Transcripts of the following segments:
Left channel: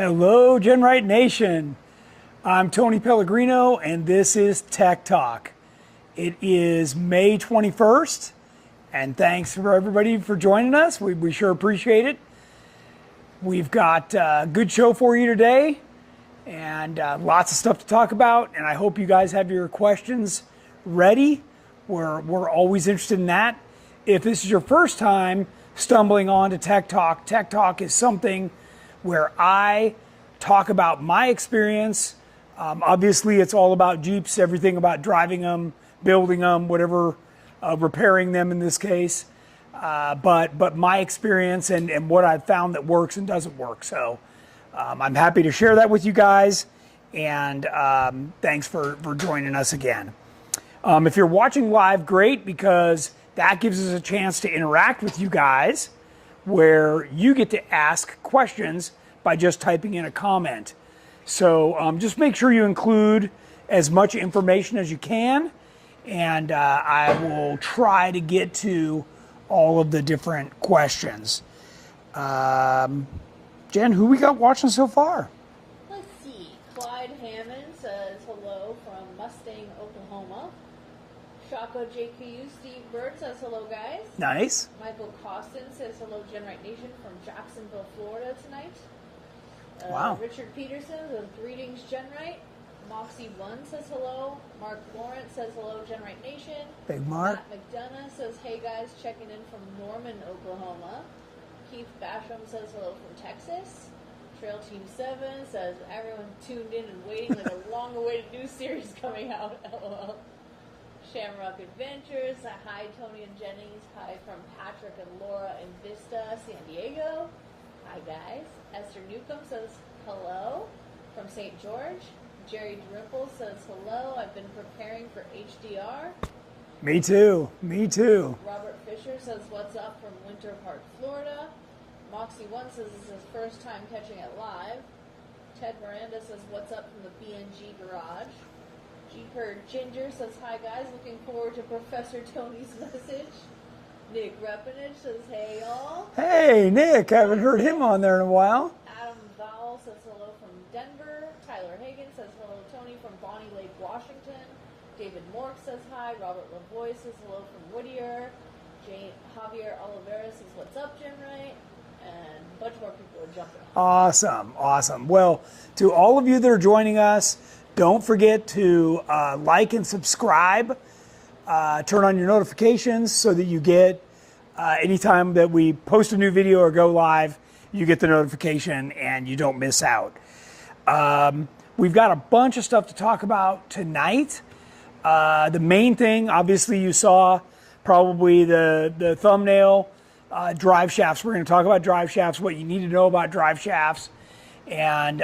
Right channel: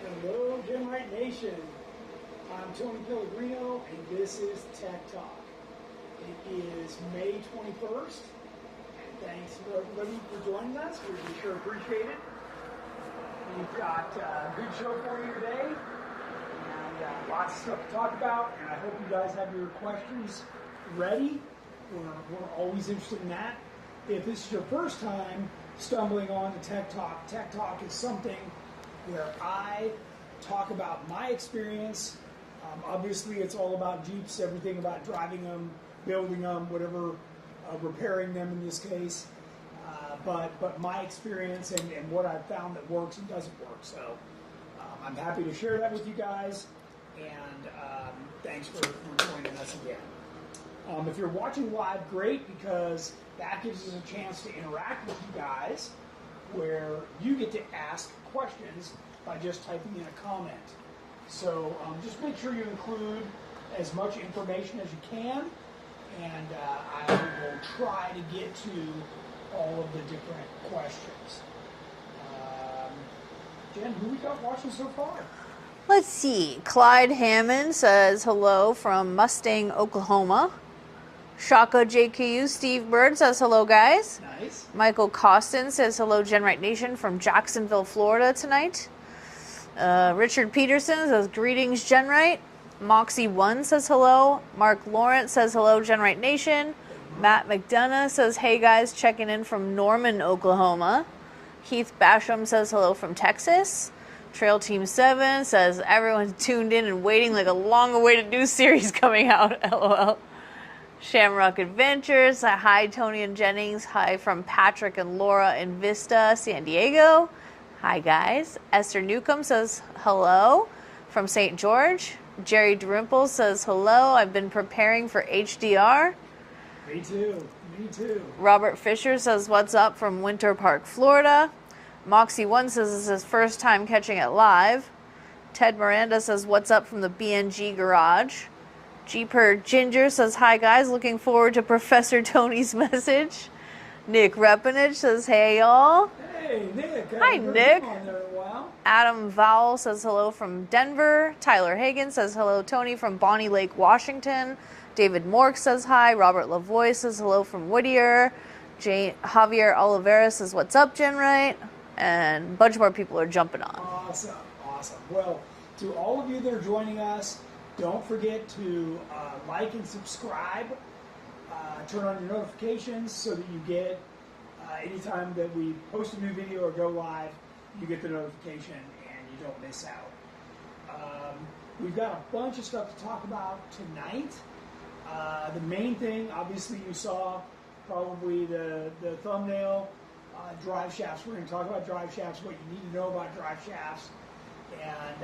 Hello, GenRight Nation. I'm Tony Pellegrino, and this is Tech Talk. It is May 21st, and thanks for everybody for joining us. We sure appreciate it. We've got a good show for you today, and lots of stuff to talk about, and I hope you guys have your questions ready. We're always interested in that. If this is your first time stumbling on to Tech Talk is something where I talk about my experience. Obviously, it's all about Jeeps, everything about driving them, building them, whatever, repairing them in this case. But my experience and what I've found that works and doesn't work. So I'm happy to share that with you guys, and thanks for joining us again. If you're watching live, great, because that gives us a chance to interact with you guys, where you get to ask questions by just typing in a comment. So just make sure you include as much information as you can, and I will try to get to all of the different questions. Jen, who we got watching so far? Let's see. Clyde Hammond says hello from Mustang, Oklahoma. Shaka JQ, Steve Bird says hello, guys. Nice. Michael Costin says hello, GenRight Nation from Jacksonville, Florida tonight. Wow. Richard Peterson says greetings, GenRight. Moxie1 says hello. Mark Lawrence says hello, GenRight Nation. Big Mark. Matt McDonough says hey, guys, checking in from Norman, Oklahoma. Heath Basham says hello from Texas. Trail Team 7 says everyone's tuned in and waiting like a long-awaited new series coming out, LOL. Shamrock Adventures, hi Tony and Jennings, hi from Patrick and Laura in Vista, San Diego. Hi guys. Esther Newcomb says hello from St. George. Jerry Drimple says hello, I've been preparing for HDR. Me too, me too. Robert Fisher says what's up from Winter Park, Florida. Moxie1 says this is his first time catching it live. Ted Miranda says what's up from the BNG garage. Jeeper Ginger says, hi guys, looking forward to Professor Tony's message. Nick Repinage says, hey y'all. Hey, Nick, haven't heard Nick. him on there in a while. Adam Vowell says hello from Denver. Tyler Hagan says hello, Tony, from Bonnie Lake, Washington. David Mork says hi. Robert Lavoie says hello from Whittier. Javier Oliveira says, what's up, GenRight? And a bunch more people are jumping on. Awesome, awesome. Well, to all of you that are joining us, don't forget to like and subscribe. Turn on your notifications so that you get, anytime that we post a new video or go live, you get the notification and you don't miss out. We've got a bunch of stuff to talk about tonight. The main thing, obviously, you saw probably the thumbnail, drive shafts. We're going to talk about drive shafts, what you need to know about drive shafts. And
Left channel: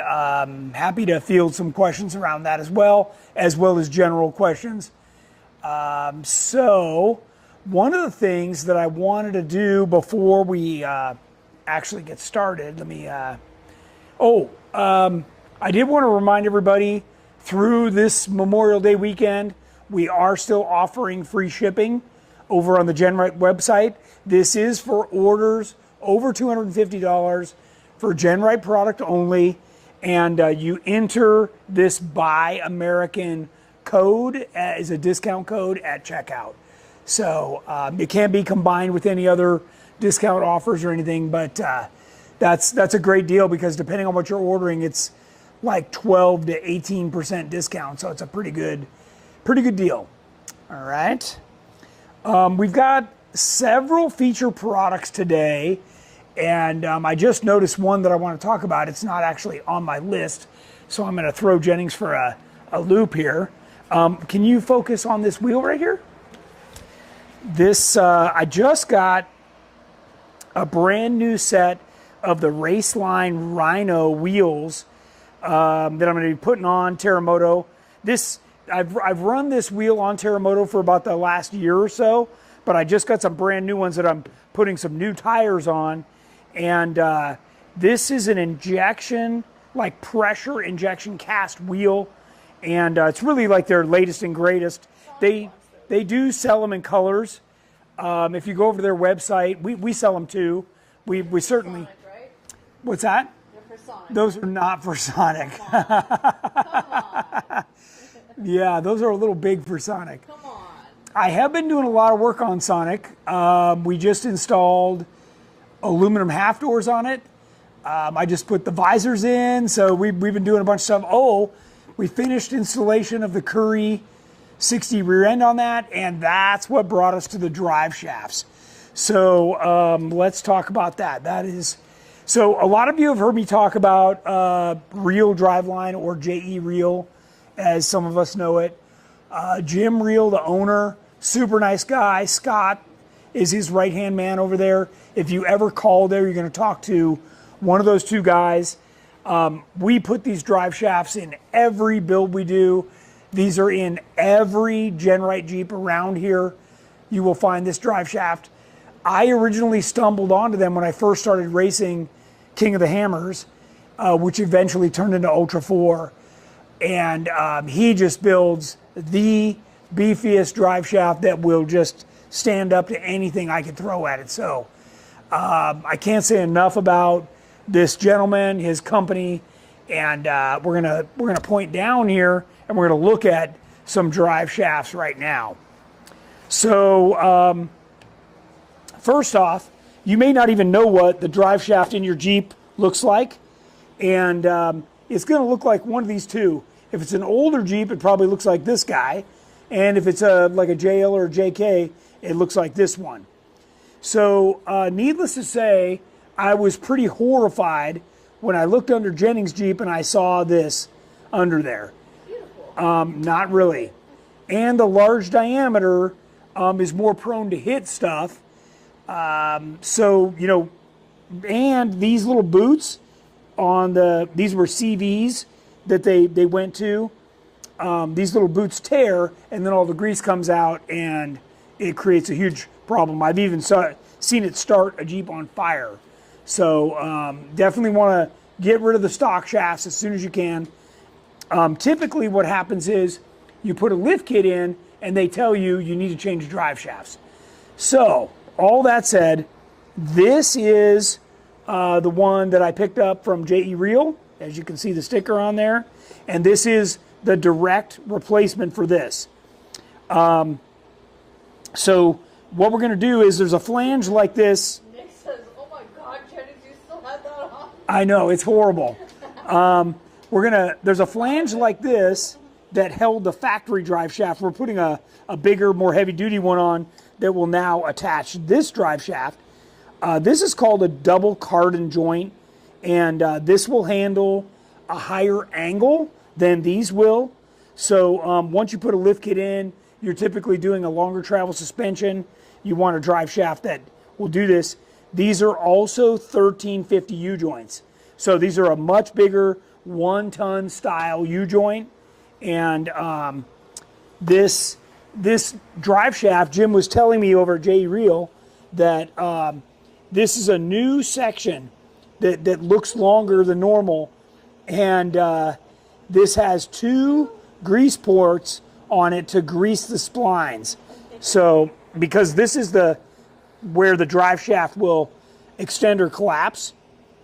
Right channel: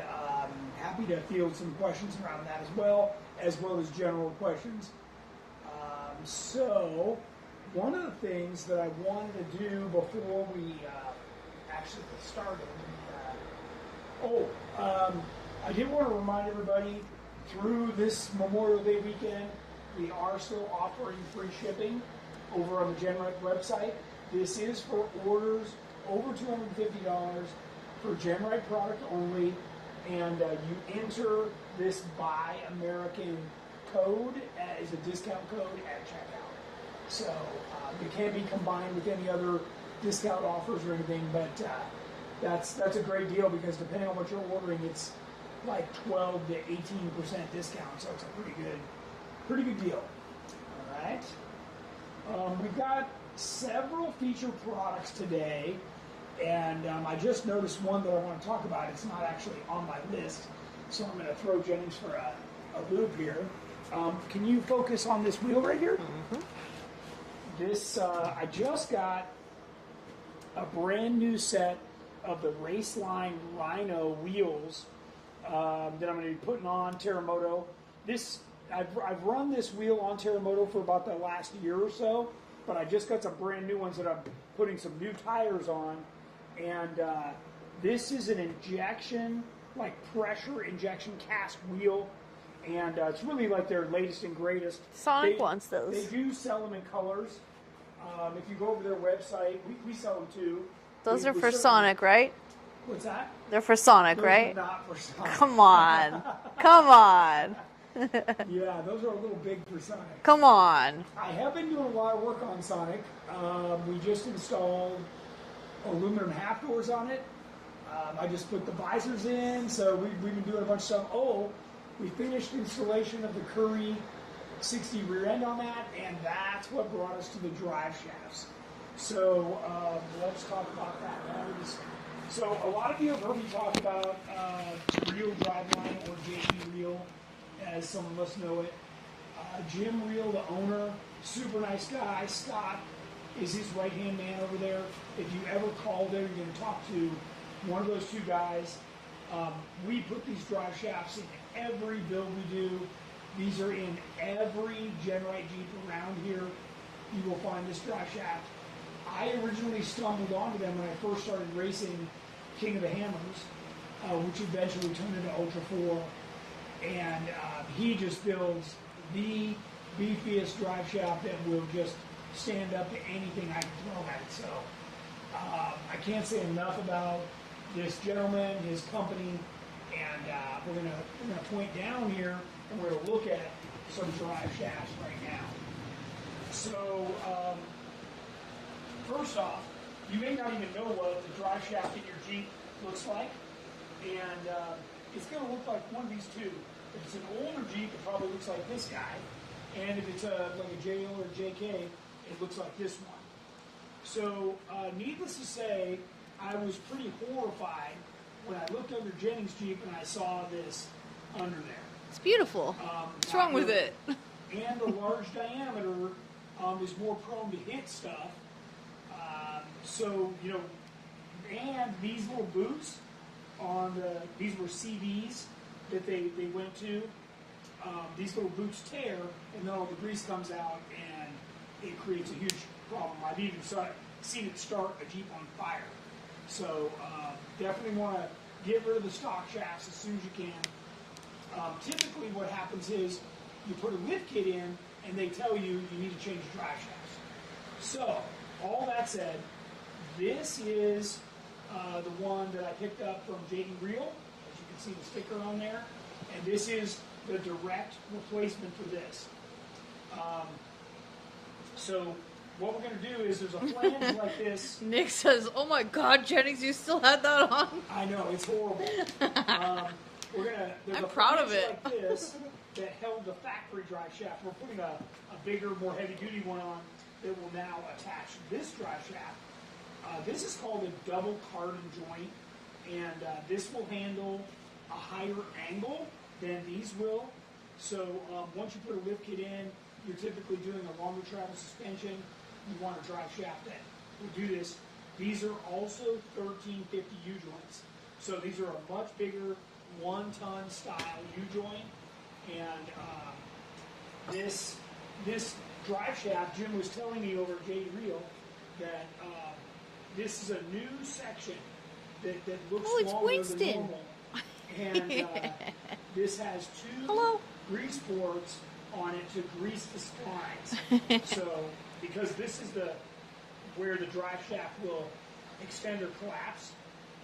happy to field some questions around that as well as general questions. So one of the things that I wanted to do before we actually get started, I did want to remind everybody, through this Memorial Day weekend, we are still offering free shipping over on the GenRight website. This is for orders over $250. for GenRight product only, and you enter this Buy American code as a discount code at checkout. So it can't be combined with any other discount offers or anything, but that's a great deal, because depending on what you're ordering, it's like 12 to 18% discount, so it's a pretty good deal. All right, we've got several feature products today. And I just noticed one that I want to talk about. It's not actually on my list, so I'm going to throw Jennings for a loop here. Can you focus on this wheel right here? Mm-hmm. This, I just got a brand new set of the Raceline Rhino wheels that I'm going to be putting on Terremoto. I've run this wheel on Terremoto for about the last year or so, but I just got some brand new ones that I'm putting some new tires on. And this is an injection, like pressure injection cast wheel. And it's really like their latest and greatest. Sonic wants those. They do sell them in colors. If you go over to their website, we sell them too. Those are for Sonic, right? What's that? They're for Sonic, Those right? are not for Sonic. Come on. Come on. Yeah, those are a little big for Sonic. Come on. I have been doing a lot of work on Sonic. We just installed aluminum half doors on it. I just put the visors in, so we've been doing a bunch of stuff. Oh, we finished installation of the Curry 60 rear end on that, and that's what brought us to the drive shafts. So let's talk about that. So a lot of you have heard me talk about Reel Driveline, or JE Reel, as some of us know it. Jim Reel, the owner, super nice guy. Scott is his right-hand man over there. If you ever call there, you're going to talk to one of those two guys. We put these drive shafts in every build we do. These are in every GenRight Jeep around here. You will find this drive shaft. I originally stumbled onto them when I first started racing King of the Hammers, which eventually turned into Ultra 4. And he just builds the beefiest drive shaft that will just stand up to anything I could throw at it. So I can't say enough about this gentleman, his company, and we're gonna point down here and we're gonna look at some drive shafts right now. So first off, you may not even know what the drive shaft in your Jeep looks like, and it's going to look like one of these two. If it's an older Jeep, it probably looks like this guy, and if it's like a JL or a JK, it looks like this one. So needless to say, I was pretty horrified when I looked under Jennings' Jeep and I saw this under there. It's beautiful. Not really. And the large diameter is more prone to hit stuff. So, you know, and these little boots on these were CVs that they went to. These little boots tear, and then all the grease comes out, and it creates a huge problem. I've even seen it start a Jeep on fire. So definitely want to get rid of the stock shafts as soon as you can. Typically what happens is you put a lift kit in, and they tell you need to change drive shafts. So all that said, this is the one that I picked up from JE Reel. As you can see the sticker on there. And this is the direct replacement for this. So what we're going to do is there's a flange like this. Nick says, oh my God, Jennings, you still had that on? I know, it's horrible. There's a flange like this that held the factory drive shaft. We're putting a bigger, more heavy duty one on that will now attach this drive shaft. This is called a double cardan joint, and this will handle a higher angle than these will. So once you put a lift kit in, you're typically doing a longer travel suspension. You want a drive shaft that will do this. These are also 1350 U-joints. So these are a much bigger 1-ton style U-joint. And this drive shaft, Jim was telling me over at JE Reel that this is a new section that looks longer than normal. And this has 2 grease ports on it to grease the splines. So because this is where the drive shaft will extend or collapse,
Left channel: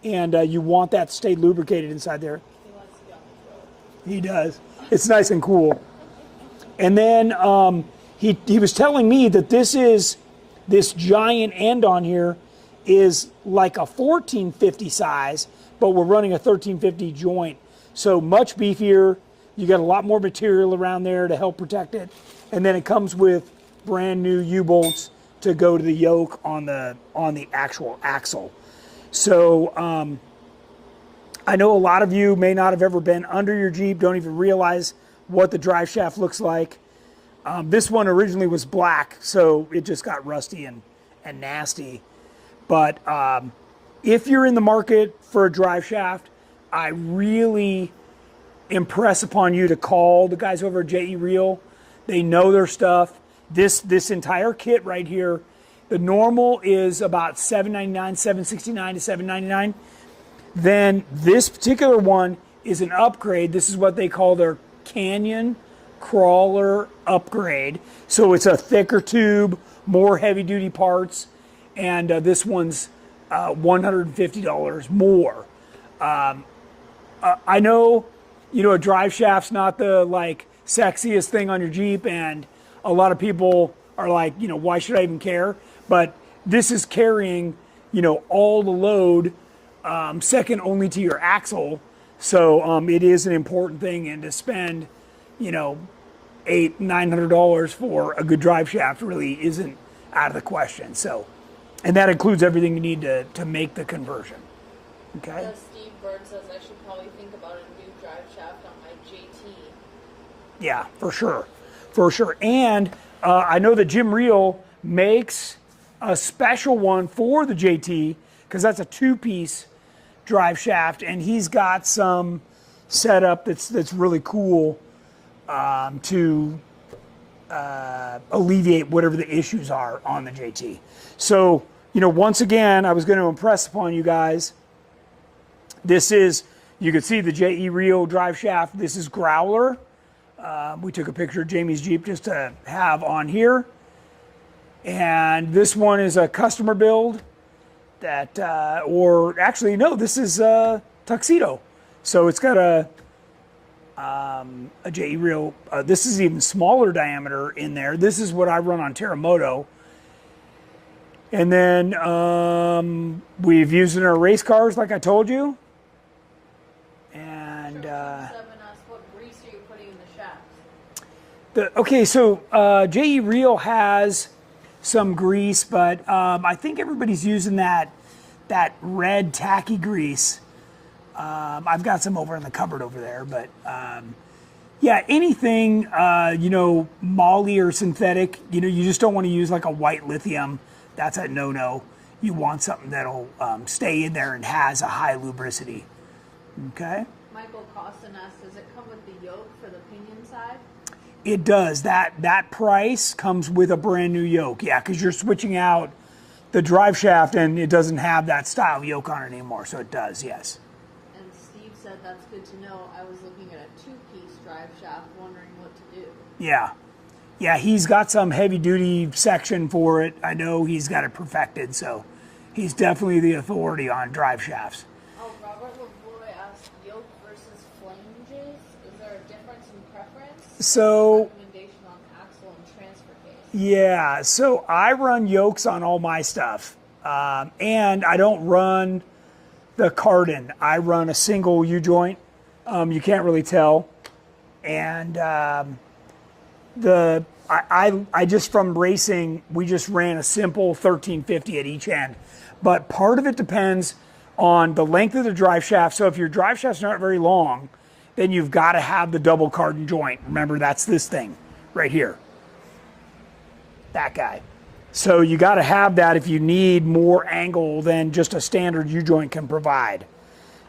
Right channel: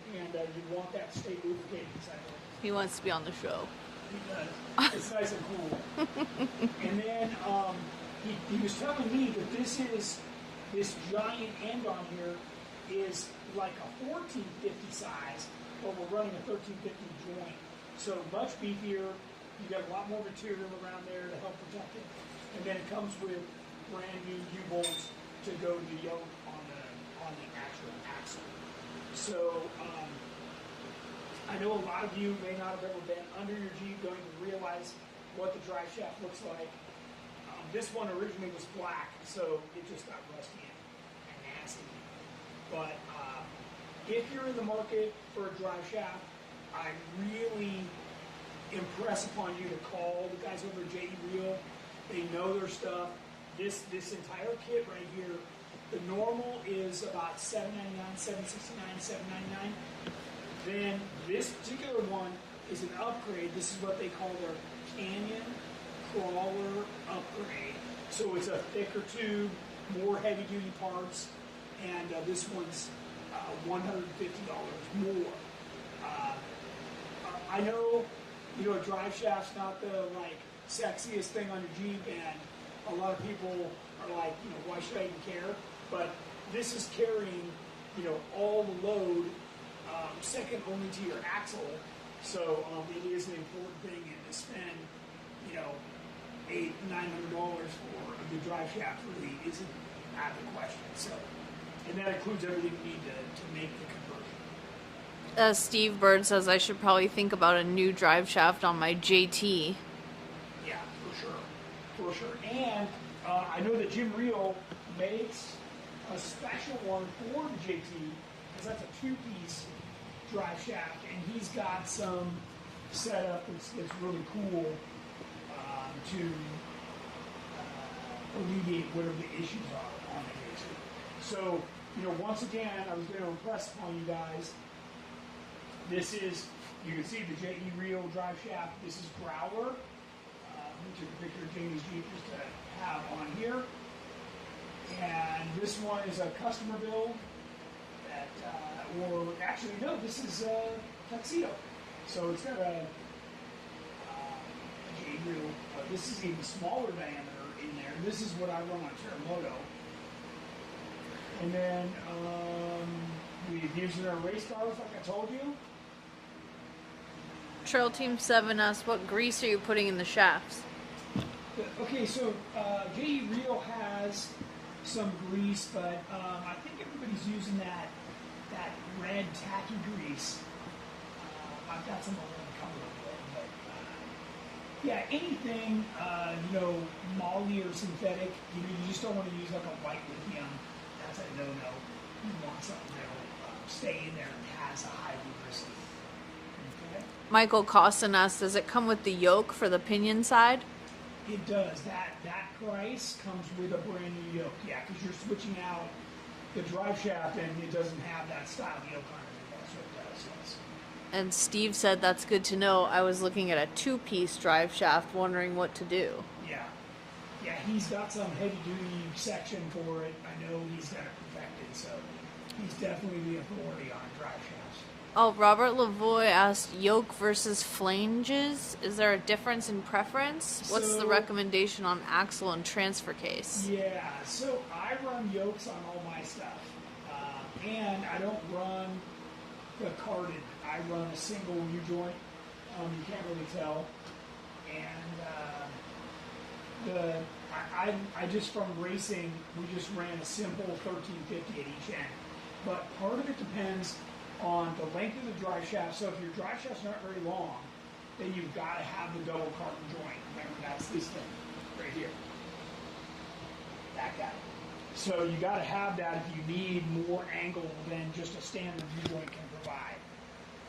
and you want that to stay lubricated inside there. He wants to be on the show. He does. It's nice and cool. And then he was telling me that this giant end on here is like a 1450 size, but we're running a 1350 joint. So much beefier. You got a lot more material around there to help protect it. And then it comes with brand new U-bolts to go to the yoke on the actual axle. So I know a lot of you may not have ever been under your Jeep, don't even realize what the drive shaft looks like. This one originally was black, so it just got rusty and nasty. But if you're in the market for a drive shaft, I really impress upon you to call the guys over at JE Reel. They know their stuff. This entire kit right here, the normal is about $799, $769 to $799. Then this particular one is an upgrade. This is what they call their Canyon Crawler upgrade. So it's a thicker tube, more heavy duty parts, and this one's $150 more. I know, a drive shaft's not the like sexiest thing on your Jeep, and a lot of people are like, why should I even care? But this is carrying, all the load, second only to your axle. So it is an important thing, and to spend, $800-900 for a good drive shaft really isn't out of the question. So, and that includes everything you need to make the conversion. Okay. Steve Bird says I should probably think about a new drive shaft on my JT. Yeah, for sure. And I know that Jim Reel makes a special one for the JT, because that's a 2-piece drive shaft, and he's got some setup that's really cool to alleviate whatever the issues are on the JT. So, once again, I was going to impress upon you guys, this is, you can see the JE Reel drive shaft. This is Growler. We took a picture of Jamie's Jeep just to have on here. And this one is a customer build that, or actually, no, this is Tuxedo. So it's got a JE Reel. This is even smaller diameter in there. This is what I run on Terramoto. And then we've used it in our race cars, like I told you. And, Trail Team 7 asked, what grease are you putting in the shafts? Okay, so JE Reel has some grease, but I think everybody's using that red tacky grease. I've got some over in the cupboard over there, but yeah, anything, moly or synthetic, you just don't want to use like a white lithium. That's a no-no. You want something that'll stay in there and has a high lubricity. Okay? Michael Costin asked, does it come with the yoke for the pinion side? It does. That price comes with a brand new yoke. Yeah, because you're switching out the drive shaft and it doesn't have that style yoke on it anymore. So it does, yes. And Steve said, that's good to know. I was looking at a 2-piece drive shaft, wondering what to do. Yeah. Yeah, he's got some heavy duty section for it. I know he's got it perfected, so he's definitely the authority on drive shafts. Oh, Robert Lavoie asked, yoke versus flanges. Is there a difference in preference? What's the recommendation on axle and transfer case? Yeah, so I run yokes on all my stuff. And I don't run the Cardin. I run a single U-joint. You can't really tell. And I just, from racing, we just ran a simple 1350 at each end. But part of it depends on the length of the drive shaft. So if your drive shaft's not very long, then you've got to have the double Cardin joint. Remember, that's this thing right here. That guy. So you got to have that if you need more angle than just a standard U-joint can provide.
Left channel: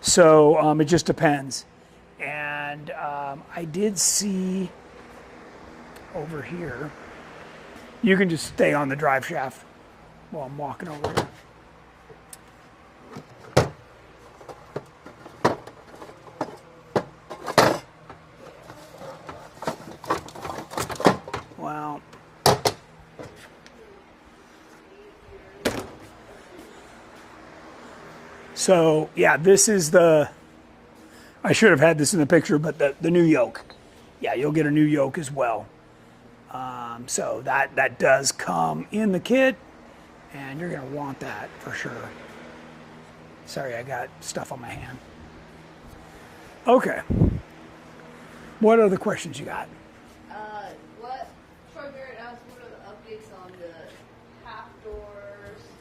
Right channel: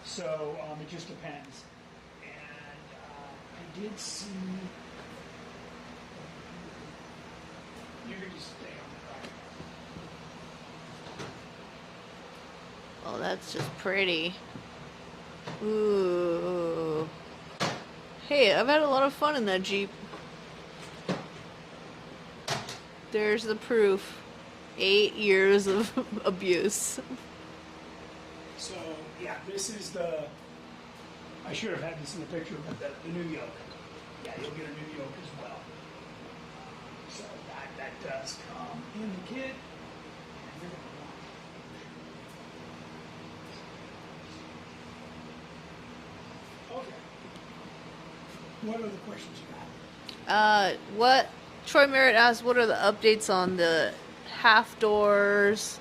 So it just depends. And I did see over here, you can just stay on the drive shaft while I'm walking over here. Oh, that's just pretty. Ooh. Hey, I've had a lot of fun in that Jeep. Wow. There's the proof. 8 years of abuse. So, yeah, this is the, I should have had this in the picture, but the new yoke. Yeah, you'll get a new yoke as well. So that does come in the kit, and you're going to want that for sure. Sorry, I got stuff on my hand. Okay. What other questions you got? Troy Merritt asked, what are the updates on the half doors?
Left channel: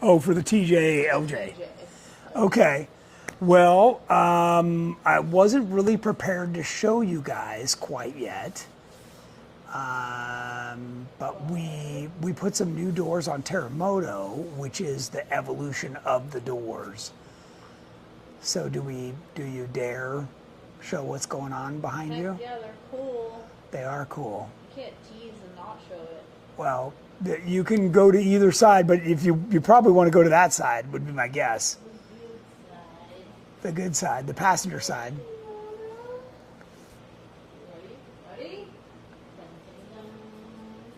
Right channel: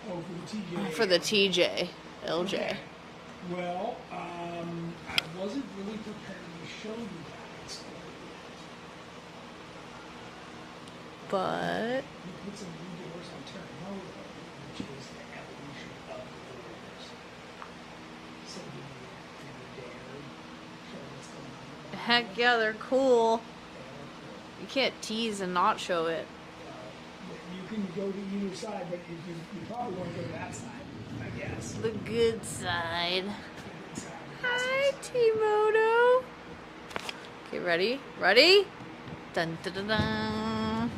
Oh, for the TJ. For the TJ. LJ. Okay. Well, I wasn't really prepared to show you guys quite yet. But we put some new doors on Terramoto, which is the evolution of the doors. So do you dare show what's going on behind you? Heck yeah, they're cool. They are cool. You can't tease and not show it. Well, you can go to either side, but if you probably want to go to that side, would be my guess. The good side. The good side, the passenger side. T-Moto. Okay, ready? Ready? Dun, dun, dun, dun.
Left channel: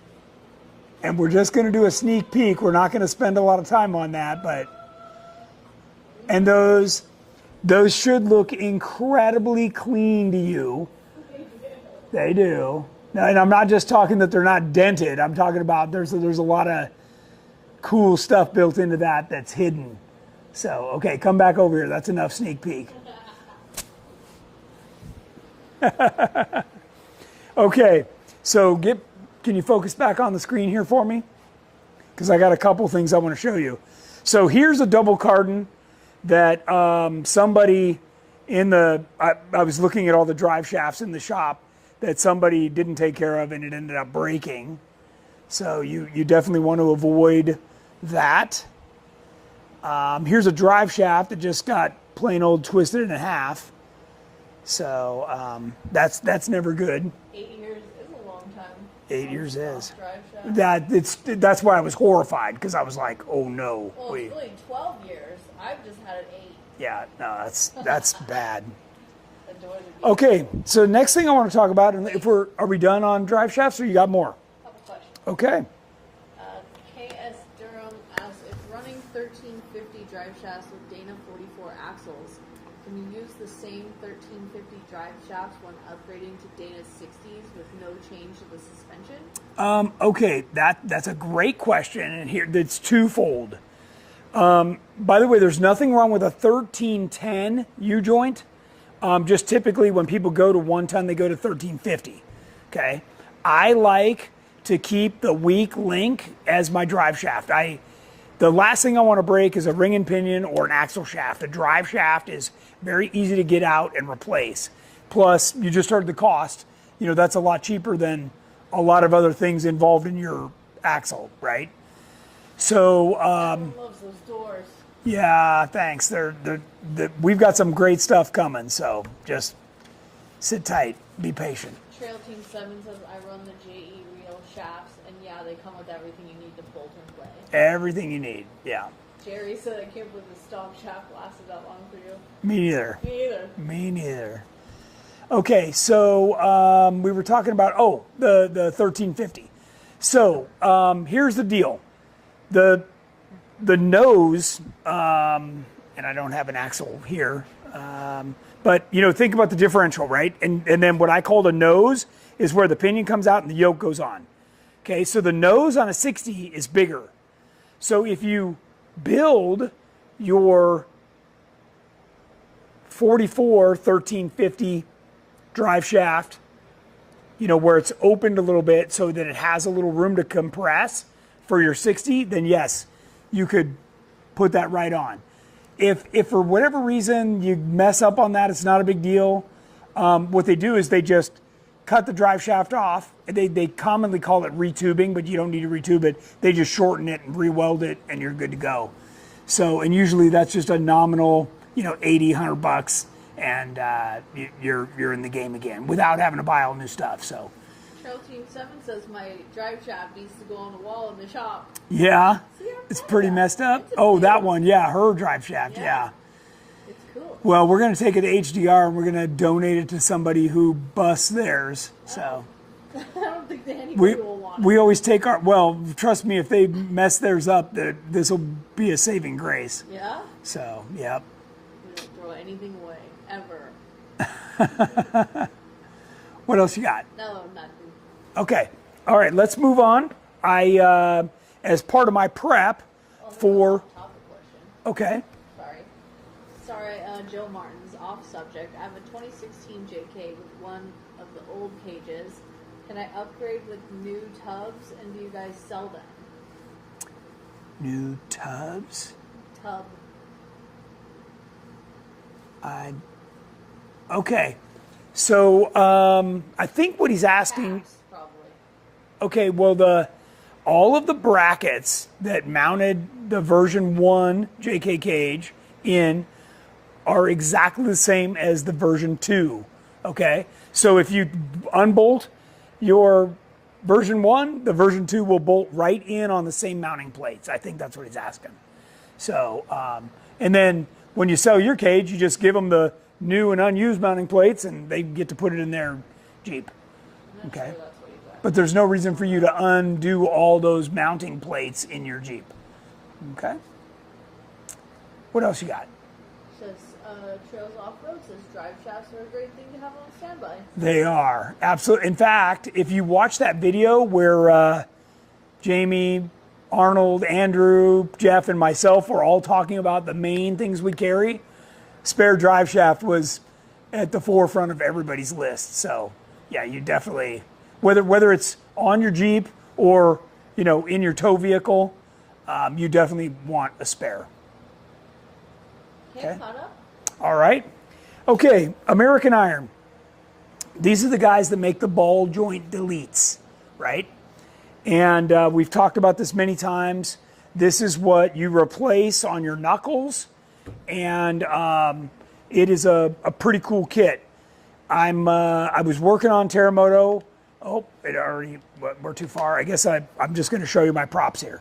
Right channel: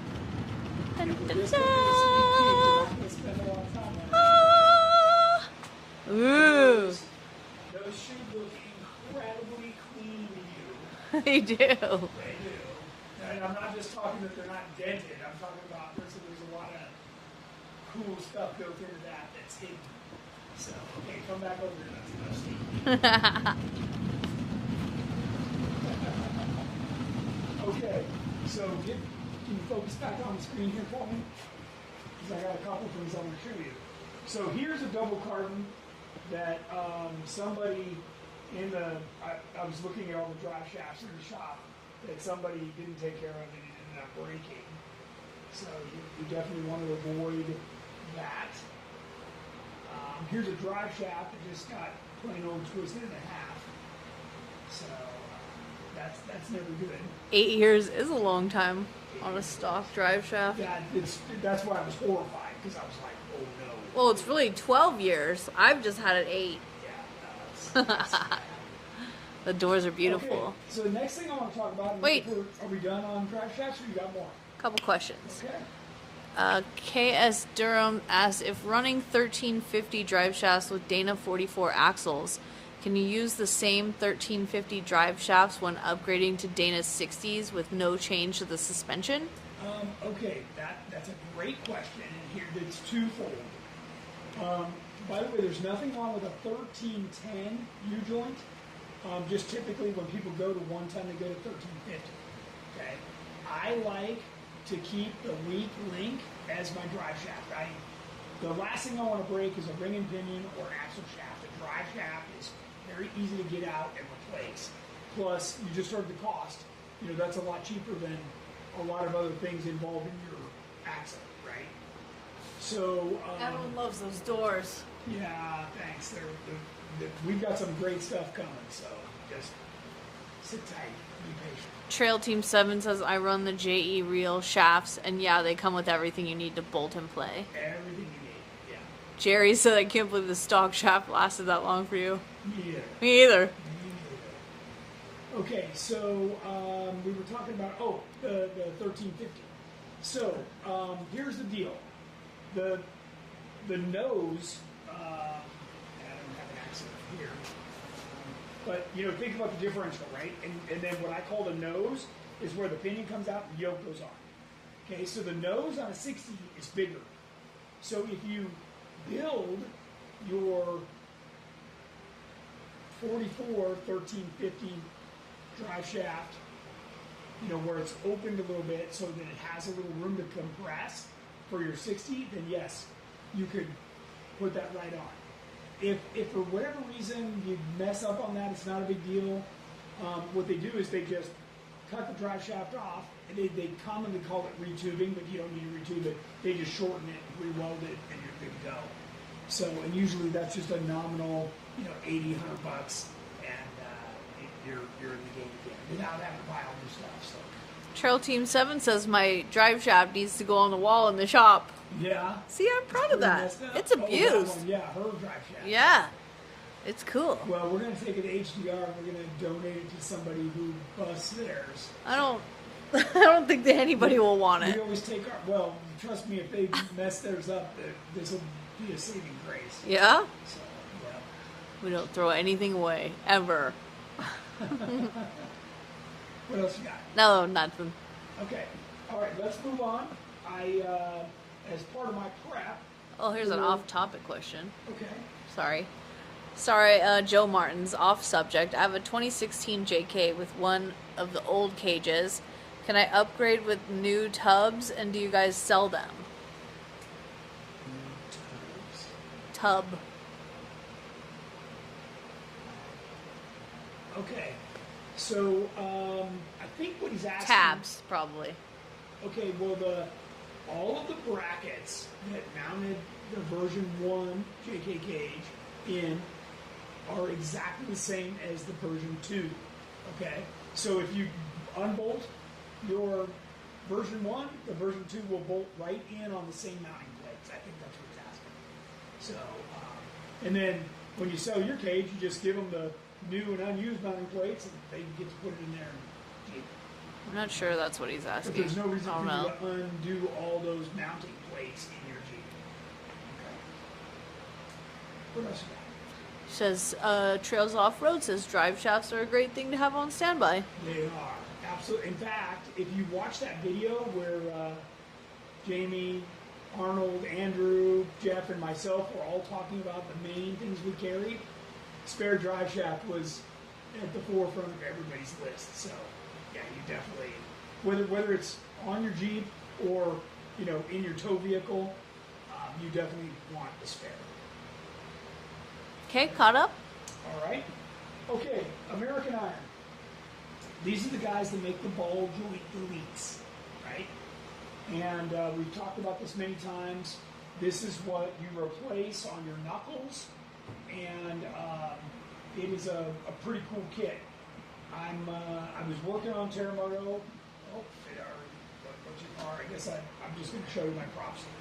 And we're just going to do a sneak peek. We're not going to spend a lot of time on that, but And those should look incredibly clean to you. They do. They do. And I'm not just talking that they're not dented. I'm talking about there's a lot of cool stuff built into that that's hidden. So, okay, come back over here. That's enough sneak peek. Okay, so can you focus back on the screen here for me? Because I got a couple things I want to show you. So here's a double cardan that somebody I was looking at all the drive shafts in the shop that somebody didn't take care of and it ended up breaking. So you definitely want to avoid that. Here's a drive shaft that just got plain old twisted in half. So that's never good. 8 years is a long time. 8 years on a is. stock drive shaft. That's why I was horrified, because I was like, oh no. Well, it's really 12 years. I've just had it 8. Yeah, no, that's bad. The doors are beautiful. Okay, so next thing I want to talk about, and Wait. are we done on drive shafts, or you got more? Couple questions. Okay. KS Durham asks, if running 1350 drive shafts with Dana 44 axles, can you use the same 1350 drive shafts when upgrading to Dana's 60s with no change to the suspension? Okay, that's a great question, and here it's twofold. By the way, there's nothing wrong with a 1310 U-joint. Just typically when people go to 1 ton, they go to 1350. Okay, I like to keep the weak link as my drive shaft. The last thing I want to break is a ring and pinion or an axle shaft. A drive shaft is very easy to get out and replace. Plus, you just heard the cost. That's a lot cheaper than a lot of other things involved in your axle, right? So, Everyone loves those doors. yeah, thanks. We've got some great stuff coming, so just sit tight, be patient. Trail Team 7 says, I run the JE Reel shafts, and yeah, they come with everything you need to bolt and play. Everything you need, yeah. Jerry said, I can't believe the stock shaft lasted that long for you. Me neither. Me either. Me neither. Okay, so we were talking about, the 1350. So here's the deal. The nose, and I don't have an axle here, but think about the differential, right? And then what I call the nose is where the pinion comes out and the yoke goes on. Okay, so the nose on a 60 is bigger. So if you build your 44 1350 drive shaft, where it's opened a little bit so that it has a little room to compress for your 60, then yes, you could put that right on. If for whatever reason you mess up on that, it's not a big deal. What they do is they just cut the drive shaft off. They commonly call it retubing, but you don't need to retube it. They just shorten it and re-weld it, and you're good to go. So, and usually that's just a nominal, $80, $100, and you're in the game again without having to buy all new stuff. So, Trail Team 7 says my drive shaft needs to go on the wall in the shop. yeah, See, I'm proud it's of pretty that. messed up. It's Oh, that abused. one, yeah, her drive shaft. Yeah. It's cool. Well, we're going to take it to HDR and we're going to donate it to somebody who busts theirs. So I don't think that anybody will want it. we always take trust me, if they mess theirs up, this will be a saving grace. Yeah? So, yep. We don't throw anything away, ever. What else you got? No, nothing. Okay. All right, let's move on. As part of my prep Oh, here's an off-topic question. Okay. Sorry, Joe Martin's off subject. I have a 2016 JK with one of the old cages. Can I upgrade with new tubs, and do you guys sell them? New tubs? Tub. Okay. So, I think what he's asking... Tabs, probably. Okay, well, all of the brackets that mounted the version 1 JK cage in are exactly the same as the version 2, okay? So if you unbolt your version 1, the version 2 will bolt right in on the same mounting plates. I think that's what he's asking. So, and then when you sell your cage, you just give them the new and unused mounting plates and they get to put it in their Jeep. I'm not sure that's what he's asking. But there's no reason for you to undo all those mounting plates in your Jeep. Okay? What else you got? Says Trails Off-Road says drive shafts are a great thing to have on standby. They are, absolutely. In fact, if you watch that video where Jamie, Arnold, Andrew, Jeff, and myself were all talking about the main things we carry, spare drive shaft was at the forefront of everybody's list. So yeah, you definitely, whether it's on your Jeep or, you know, in your tow vehicle, you definitely want a spare. Okay, caught up. All right. Okay, American Iron. These are the guys that make the ball joint deletes, right? And we've talked about this many times. This is what you replace on your knuckles, and it is a pretty cool kit. I was working on Terremoto. Oh, we're too far. I guess I'm just going to show you my props here.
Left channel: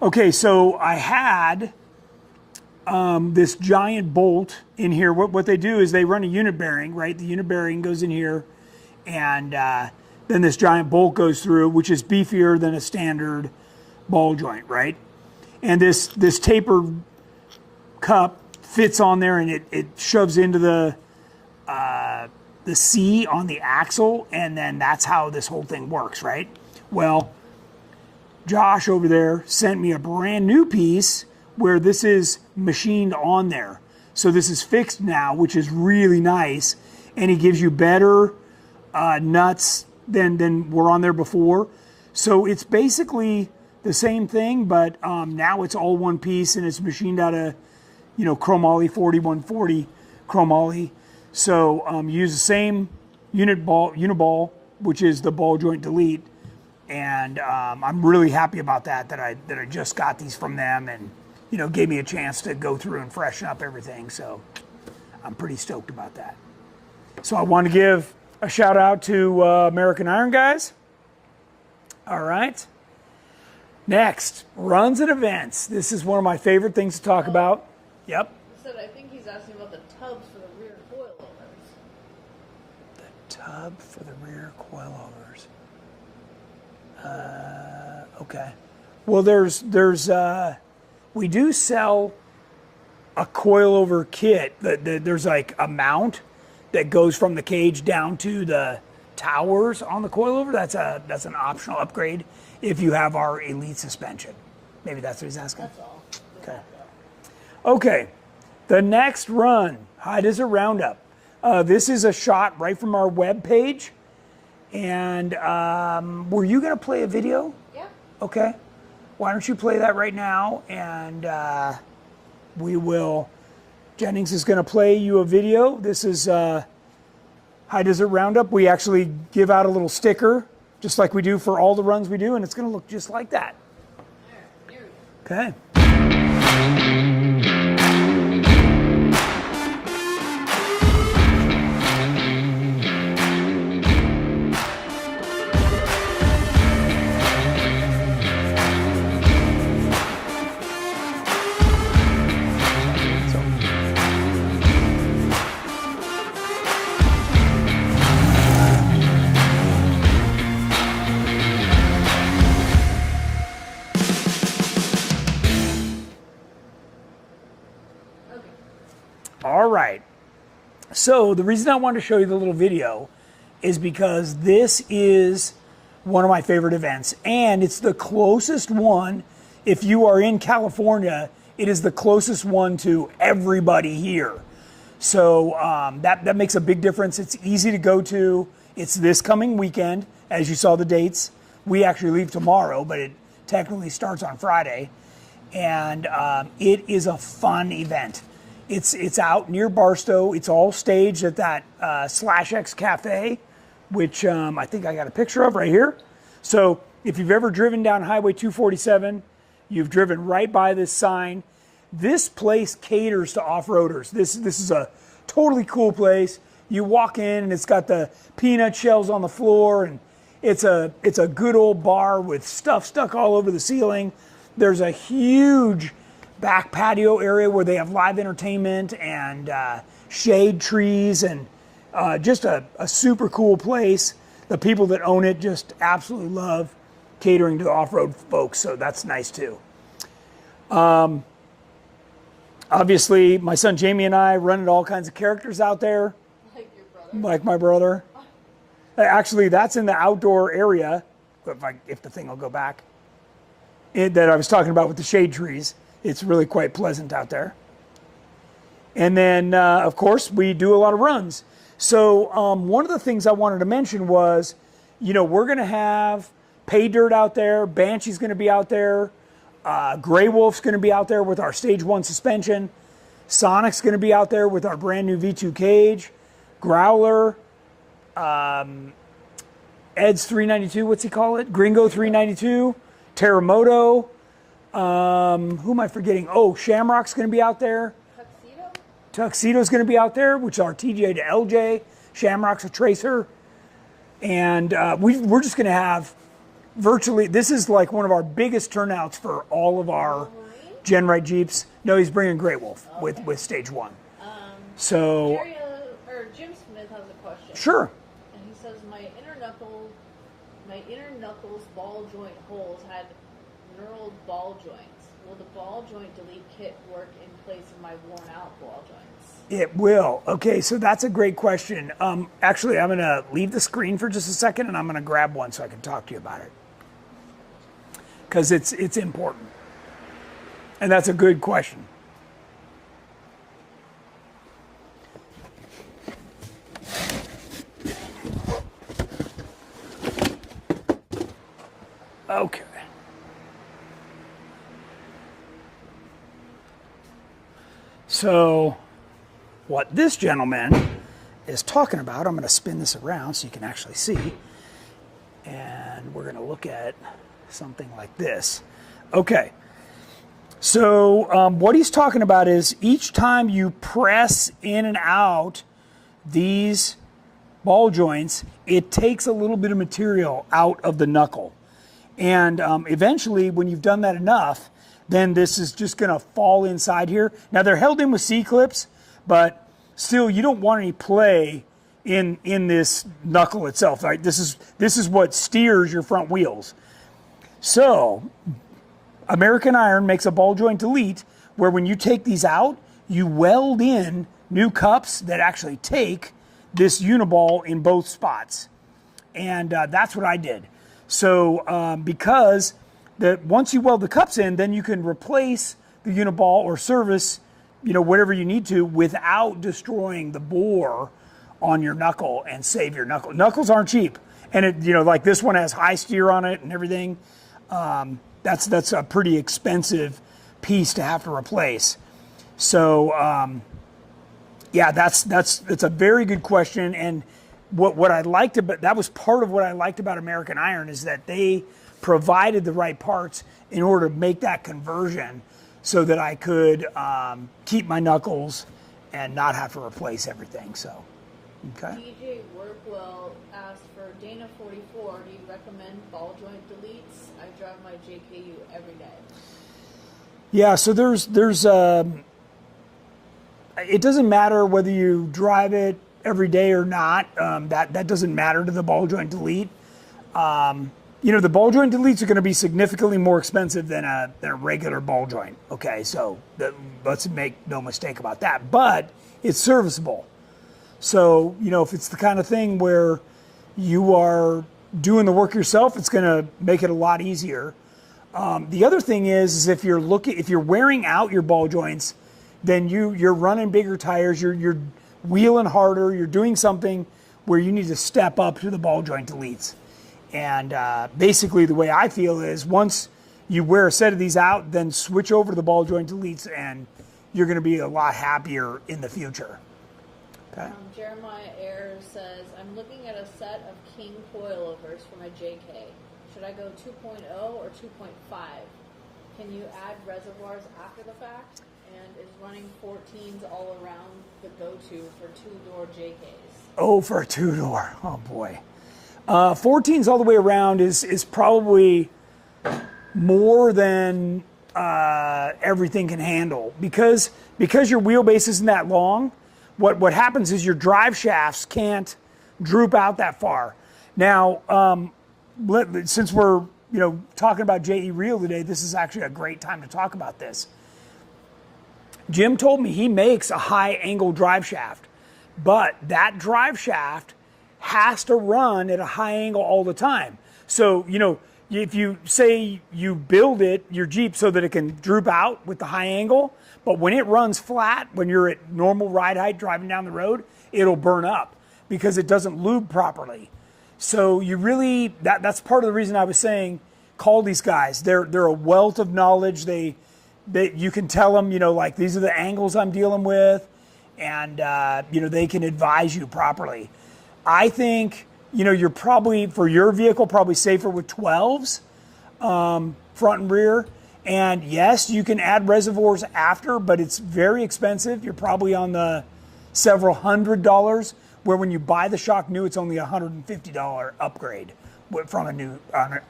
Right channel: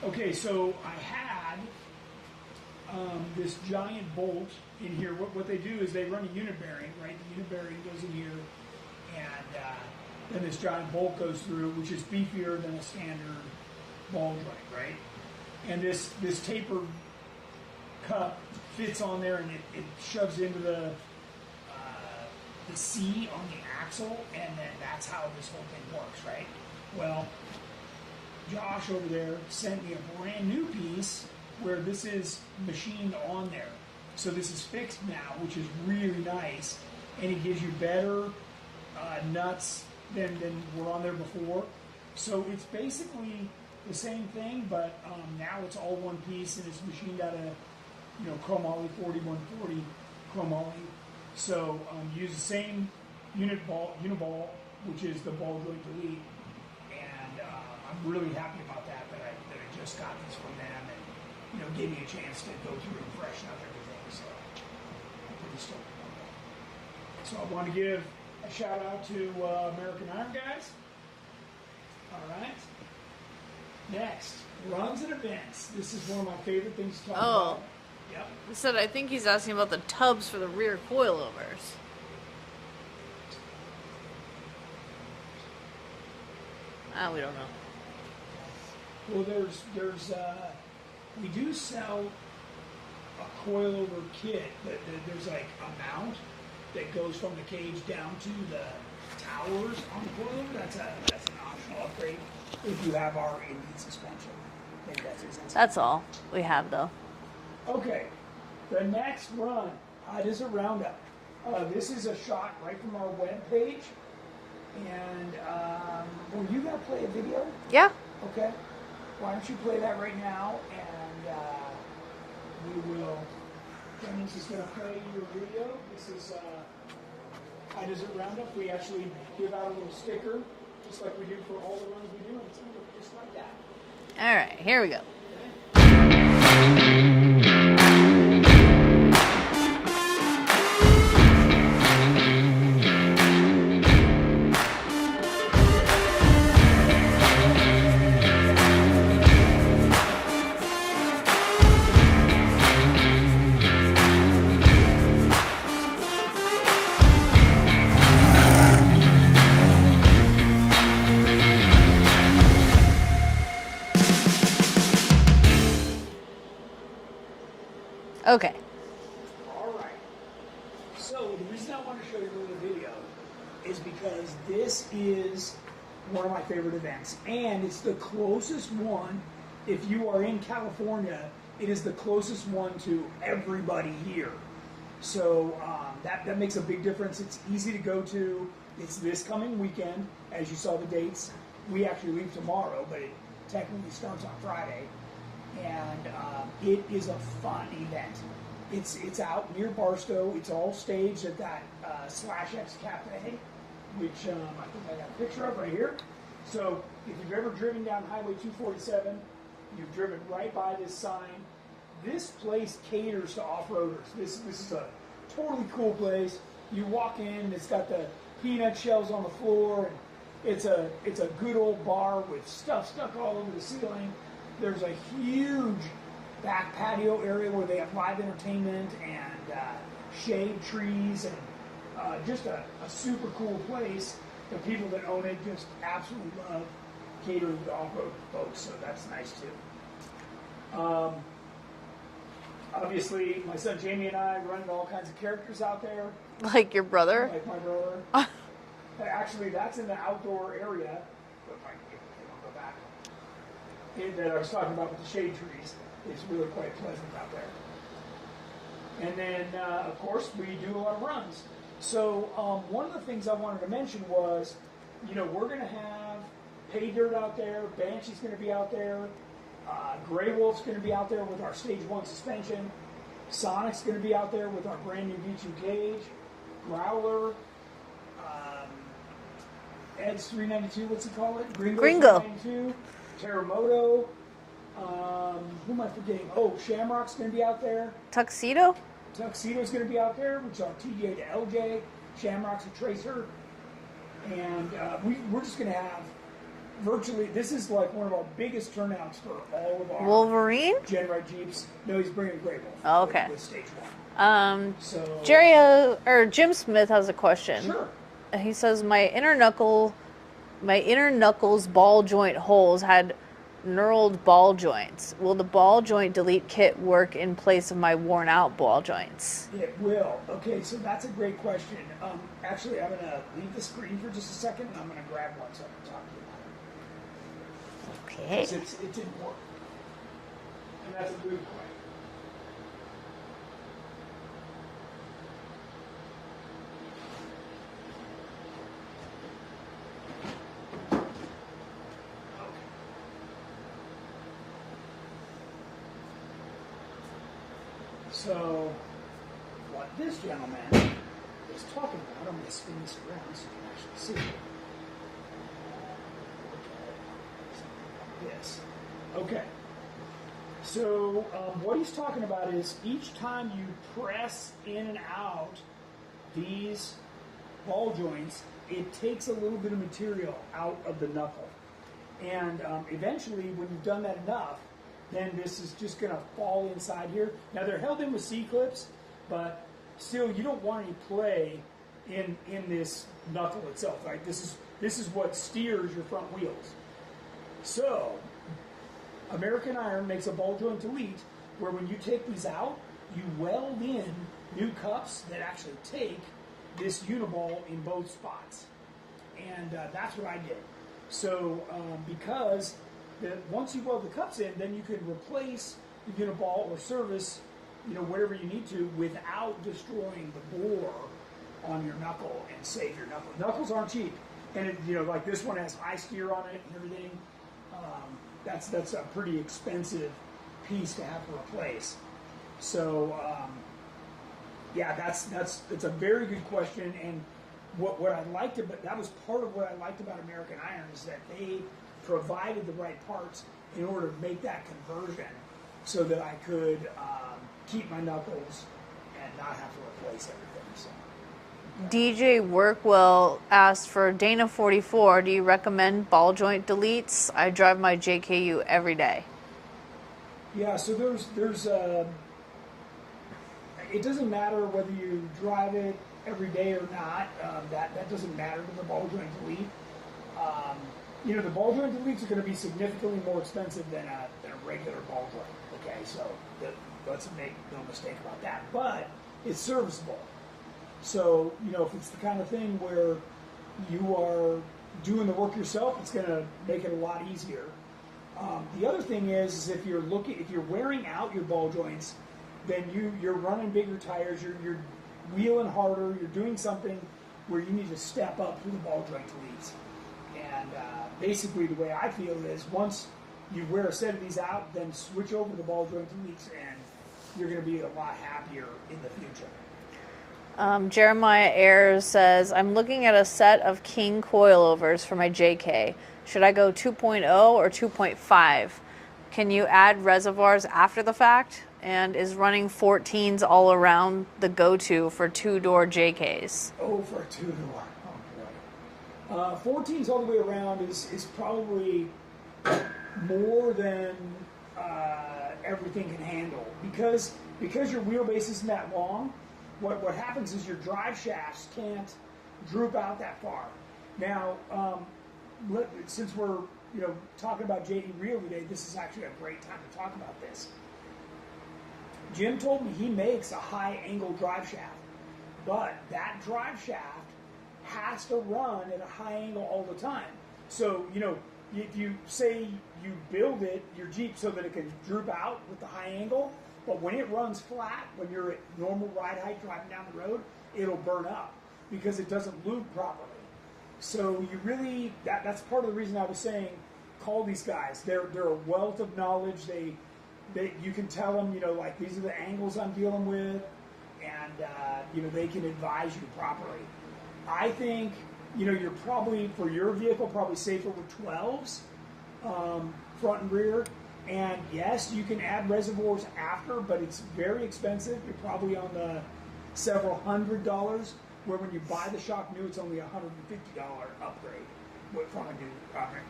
Okay, so I had this giant bolt in here. What they do is they run a unit bearing, right? The unit bearing goes in here, and then this giant bolt goes through, which is beefier than a standard ball joint, right? And this taper cup fits on there, and it shoves into the C on the axle, and then that's how this whole thing works, right? Well, Josh over there sent me a brand new piece where this is machined on there. So this is fixed now, which is really nice, and he gives you better nuts than were on there before. So it's basically the same thing, but now it's all one piece, and it's machined out of, you know, chromoly 4140 chromoly. So you use the same uniball, which is the ball joint delete, and I'm really happy about that I just got these from them, and you know, gave me a chance to go through and freshen up everything. So I'm pretty stoked about that. So I want to give a shout out to American Iron guys. All right. Next, runs and events. This is one of my favorite things to talk about. Yep. I think he's asking about the tubs for the rear coilovers. The tub for the rear coilovers. I don't know. Okay. Well, there's we do sell a coilover kit. There's like a mount that goes from the cage down to the towers on the coilover. That's an optional upgrade if you have our Elite suspension. Maybe that's what he's asking. That's all we have, though. Okay, the next run, High Desert Roundup. This is a shot right from our web page. And were you going to play a video? Yeah. Okay. Why don't you play that right now, and we will. Jennings is going to play you a video. This is High Desert Roundup. We actually give out a little sticker, just like we do for all the runs we do, and it's going to look just like that. All right, here we go. Okay. Okay. All right. So the reason I wanted to show you the little video is because this is one of my favorite events, and it's the closest one. If you are in California, it is the closest one to everybody here. So that makes a big difference. It's easy to go to. It's this coming weekend, as you saw the dates. We actually leave tomorrow, but it technically starts on Friday. And it is a fun event. It's out near Barstow. It's all staged at that /X Cafe, which I think I got a picture of right here. So if you've ever driven down Highway 247, you've driven right by this sign. This place caters to off-roaders. This is a totally cool place. You walk in and it's got the peanut shells on the floor, and it's a good old bar with stuff stuck all over the ceiling. There's a huge back patio area where they have live entertainment and shade trees, and just a super cool place. The people that own it just absolutely love catering to off-road folks, so that's nice too. Obviously, my son Jamie and I running all kinds of characters out there, Like your brother? like my brother. Actually, that's in the outdoor area, if the thing will go back, that I was talking about with the shade trees. It's really quite pleasant out there. And then, of course, we do a lot of runs. So one of the things I wanted to mention was, we're going to have Pay Dirt out there, Banshee's going to be out there, Grey Wolf's going to be out there with our Stage 1 suspension, Sonic's going to be out there with our brand new V2 cage, Growler, Ed's 392, what's he call it? Gringo 392, Terremoto, who am I forgetting? Oh, Shamrock's going to be out there. Tuxedo's going to be out there, which is our TJ to LJ. Shamrock's a tracer. And we're just going to have virtually, this is like one of our biggest turnouts for all of our Wolverine? GenRight Jeeps. No, he's bringing Grey Wolf okay. with Stage 1. So Jim Smith has a question. Sure. He says my inner knuckles ball joint holes had knurled ball joints. Will the ball joint delete kit work in place of my worn out ball joints? It will. Okay, so that's a great question. Actually, I'm going to leave the screen for just a second, and I'm going to grab one so I can talk to you about it. Because it's important. And that's a good question. Okay. So, what this gentleman is talking about, I'm going to spin this around so you can actually see. And we're going to look at something like this. Okay. So, what he's talking about is each time you press in and out these ball joints, it takes a little bit of material out of the knuckle. And eventually, when you've done that enough, then this is just going to fall inside here. Now, they're held in with C-clips, but still, you don't want any play in this knuckle itself. Right? This is what steers your front wheels. So, American Iron makes a ball joint delete where when you take these out, you weld in new cups that actually take this uniball in both spots. And that's what I did. So because once you weld the cups in, then you can replace the uniball or service, whatever you need to without destroying the bore on your knuckle and save your knuckle. Knuckles aren't cheap. And it, like this one has high steer on it and everything. That's a pretty expensive piece to have to replace. So yeah, it's a very good question. And what I liked about that was part of what I liked about American Iron is that they provided the right parts in order to make that conversion so that I could keep my knuckles and not have to replace everything. So, okay. DJ Workwell asked for Dana 44. Do you recommend ball joint deletes? I drive my JKU every day. Yeah, so there's it doesn't matter whether you drive it every day or not. That doesn't matter to the ball joint delete. The ball joint deletes are going to be significantly more expensive than a regular ball joint. Okay, so let's make no mistake about that. But it's serviceable. So, if it's the kind of thing where you are doing the work yourself, it's going to make it a lot easier. The other thing is if you're wearing out your ball joints, then you're running bigger tires, you're wheeling harder, you're doing something where you need to step up to the ball joint deletes. And basically the way I feel is once you wear a set of these out, then switch over to the ball joint deletes and you're going to be a lot happier in the future. Jeremiah Ayers says, I'm looking at a set of King coilovers for my JK. Should I go 2.0 or 2.5? Can you add reservoirs after the fact? And is running 14s all around the go-to for two-door JKs? Oh, for a two-door. Oh, boy. 14s all the way around is probably more than everything can handle. Because your wheelbase isn't that long, what happens is your drive shafts can't droop out that far. Now, since we're talking about JE Reel today, this is actually a great time to talk about this. Jim told me he makes a high angle drive shaft, but that drive shaft has to run at a high angle all the time. So, if you say you build your Jeep so that it can droop out with the high angle, but when it runs flat, when you're at normal ride height driving down the road, it'll burn up because it doesn't lube properly. So you really, that's part of the reason I was saying, call these guys. They're a wealth of knowledge. You can tell them, like these are the angles I'm dealing with, and they can advise you properly. I think, you're probably, for your vehicle, probably safer with 12s, front and rear. And yes, you can add reservoirs after, but it's very expensive. You're probably on the several $100s, where when you buy the shock new, it's only a $150 upgrade from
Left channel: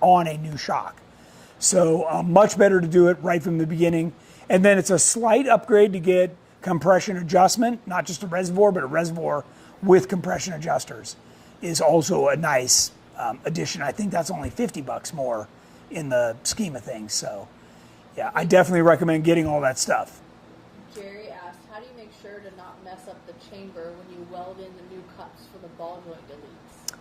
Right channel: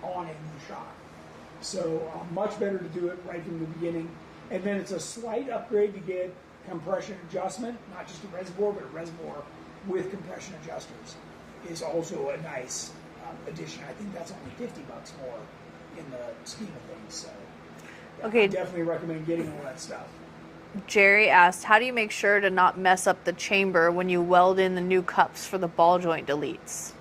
on a new shock. So much better to do it right from the beginning. And then it's a slight upgrade to get compression adjustment, not just a reservoir, but a reservoir with compression adjusters is also a nice addition. I think that's only $50 more in the scheme of things. So yeah, okay. I definitely recommend getting all that stuff. Jerry asked, how do you make sure to not mess up the chamber when you weld in the new cups for the ball joint deletes?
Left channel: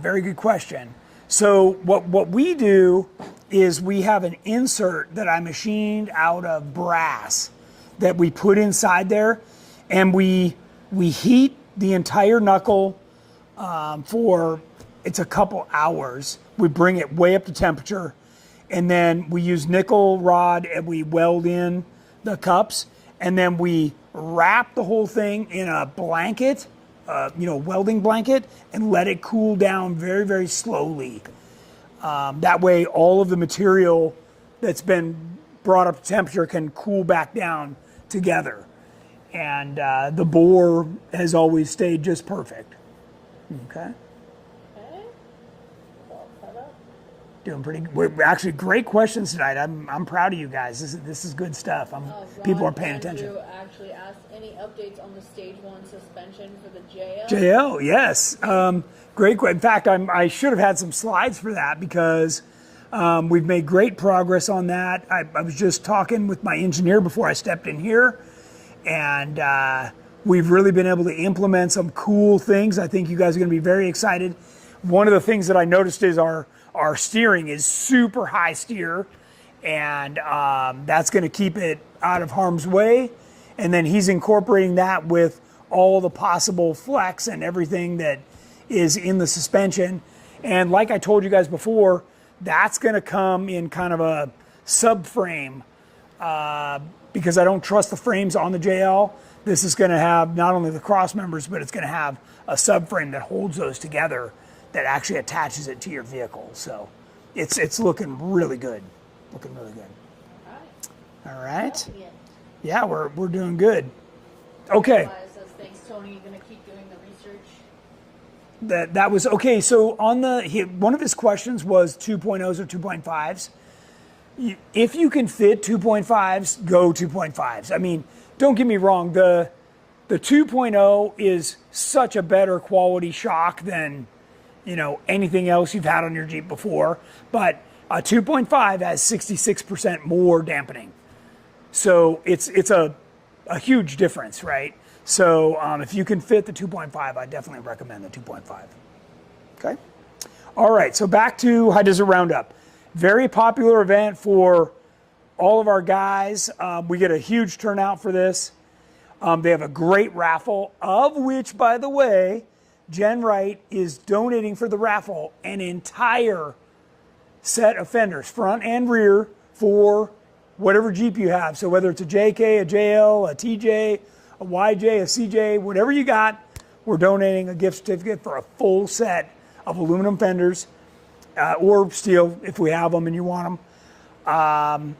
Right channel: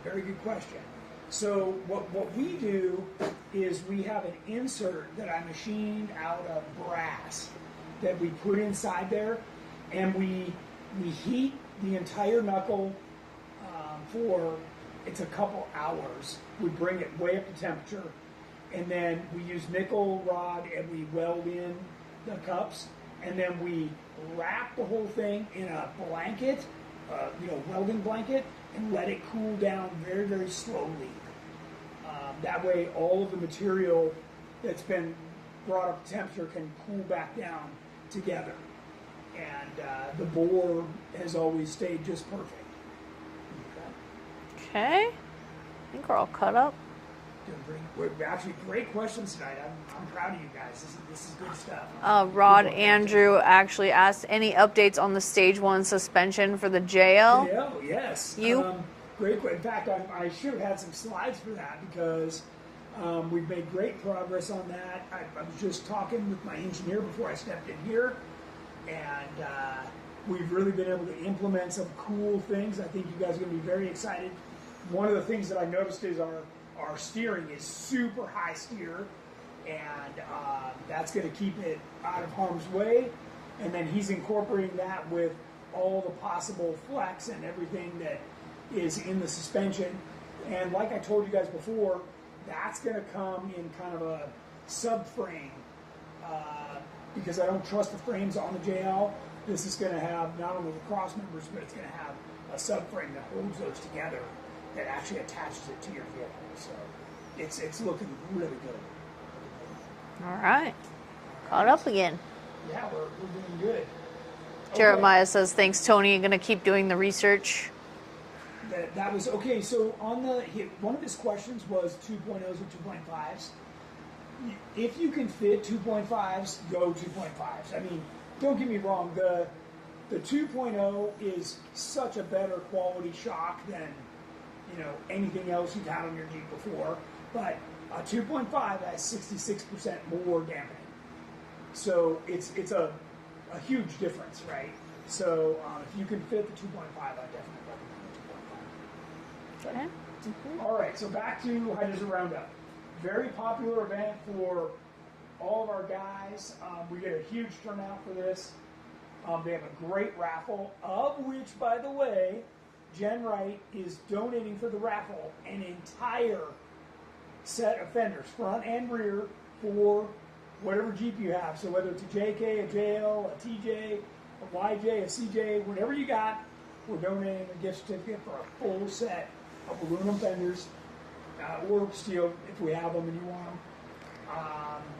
Very good question. So what we do is we have an insert that I machined out of brass that we put inside there, and we heat the entire knuckle for, it's a couple hours. We bring it way up to temperature, and then we use nickel rod and we weld in the cups, and then we wrap the whole thing in a blanket, welding blanket, and let it cool down very, very slowly. That way all of the material that's been brought up to temperature can cool back down together. And the bore has always stayed just perfect. Okay. Okay. I think we're all cut up. Doing pretty good. We're actually great questions tonight. I'm proud of you guys. This is good stuff. Rod Andrew actually asked any updates on the stage 1 suspension for the JL. JL, yes. Great. In fact, I should have had some slides for that because we've made great progress on that. I was just talking with my engineer before I stepped in here, and we've really been able to implement some cool things. I think you guys are going to be very excited. One of the things that I noticed is our steering is super high steer, and that's going to keep it out of harm's way. And then he's incorporating that with all the possible flex and everything that is in the suspension. And like I told you guys before, that's going to come in kind of a subframe because I don't trust the frames on the JL. This is going to have not only the cross members, but it's going to have a subframe that holds those together, that actually attaches it to your vehicle. So it's looking really good. Looking really good. All right. Right. Up again. Yeah, we're doing good. Okay. Jeremiah says, thanks, Tony. I'm going to keep doing the research. That was okay. So on one of his questions was 2.0s or 2.5s. If you can fit 2.5s, go 2.5s. I mean, don't get me wrong. The 2.0 is such a better quality shock than anything else you've had on your Jeep before. But a 2.5 has 66% more dampening. So it's a huge difference, right? So if you can fit the 2.5, I definitely recommend the 2.5. Okay? All right, so back to High Desert Roundup. Very popular event for all of our guys. We get a huge turnout for this. They have a great raffle, of which, by the way, GenRight is donating for the raffle an entire set of fenders, front and rear, for whatever Jeep you have. So whether it's a JK, a JL, a TJ, a YJ, a CJ, whatever you got, we're donating a gift certificate for a full set of aluminum fenders, or steel if we have them and you want them.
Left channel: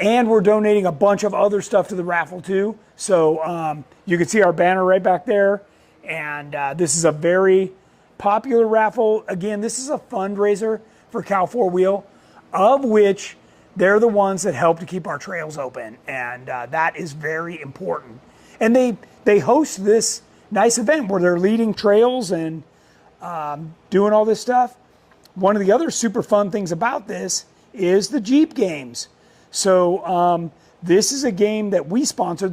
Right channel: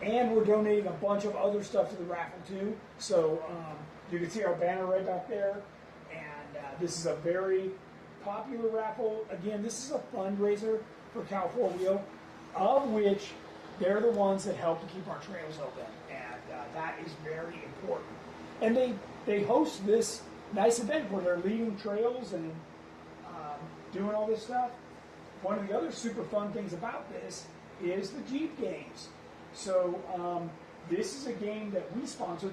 And we're donating a bunch of other stuff to the raffle too. So you can see our banner right back there. And this is a very popular raffle. Again, this is a fundraiser for Cal 4-Wheel, of which they're the ones that help to keep our trails open. And that is very important. And they host this nice event where they're leading trails and doing all this stuff. One of the other super fun things about this is the Jeep games. So This is a game that we sponsor.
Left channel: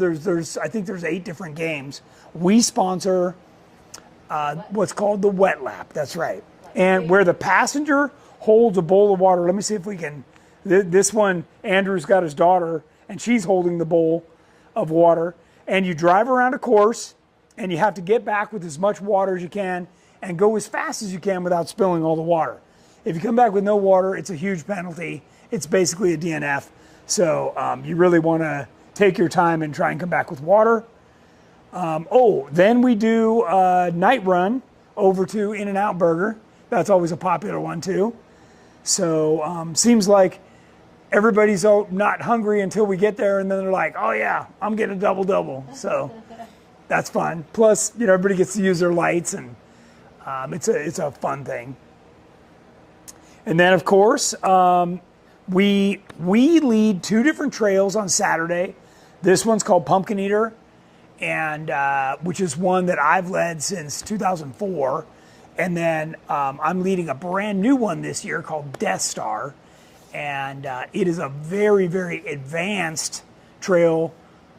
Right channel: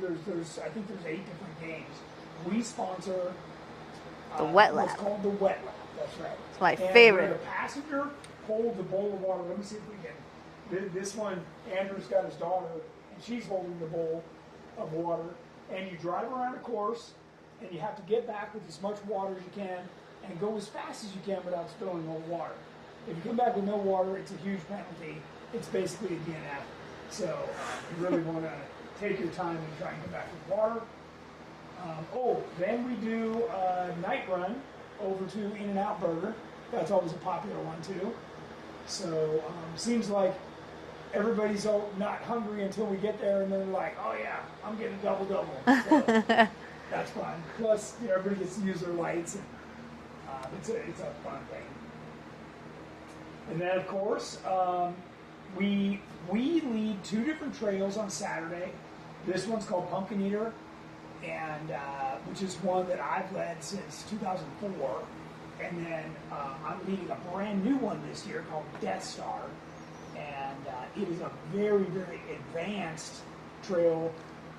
I think there's 8 different games. We sponsor what's called the wet lap. That's right. My and favorite. where the passenger holds a bowl of water. Let me see if we can. This one, Andrew's got his daughter, and she's holding the bowl of water. And you drive around a course, and you have to get back with as much water as you can and go as fast as you can without spilling all the water. If you come back with no water, it's a huge penalty. It's basically a DNF. So you really want to take your time and try and come back with water. Then we do a night run over to In-N-Out Burger. That's always a popular one too. So seems like everybody's not hungry until we get there, and then they're like, oh yeah, I'm getting a double-double. So that's fun. Plus, everybody gets to use their lights, and it's a fun thing. And then, of course, we lead 2 different trails on Saturday. This one's called Pumpkin Eater, and which is one that I've led since 2004. And then I'm leading a brand new one this year called Death Star. And it is a very, very advanced trail,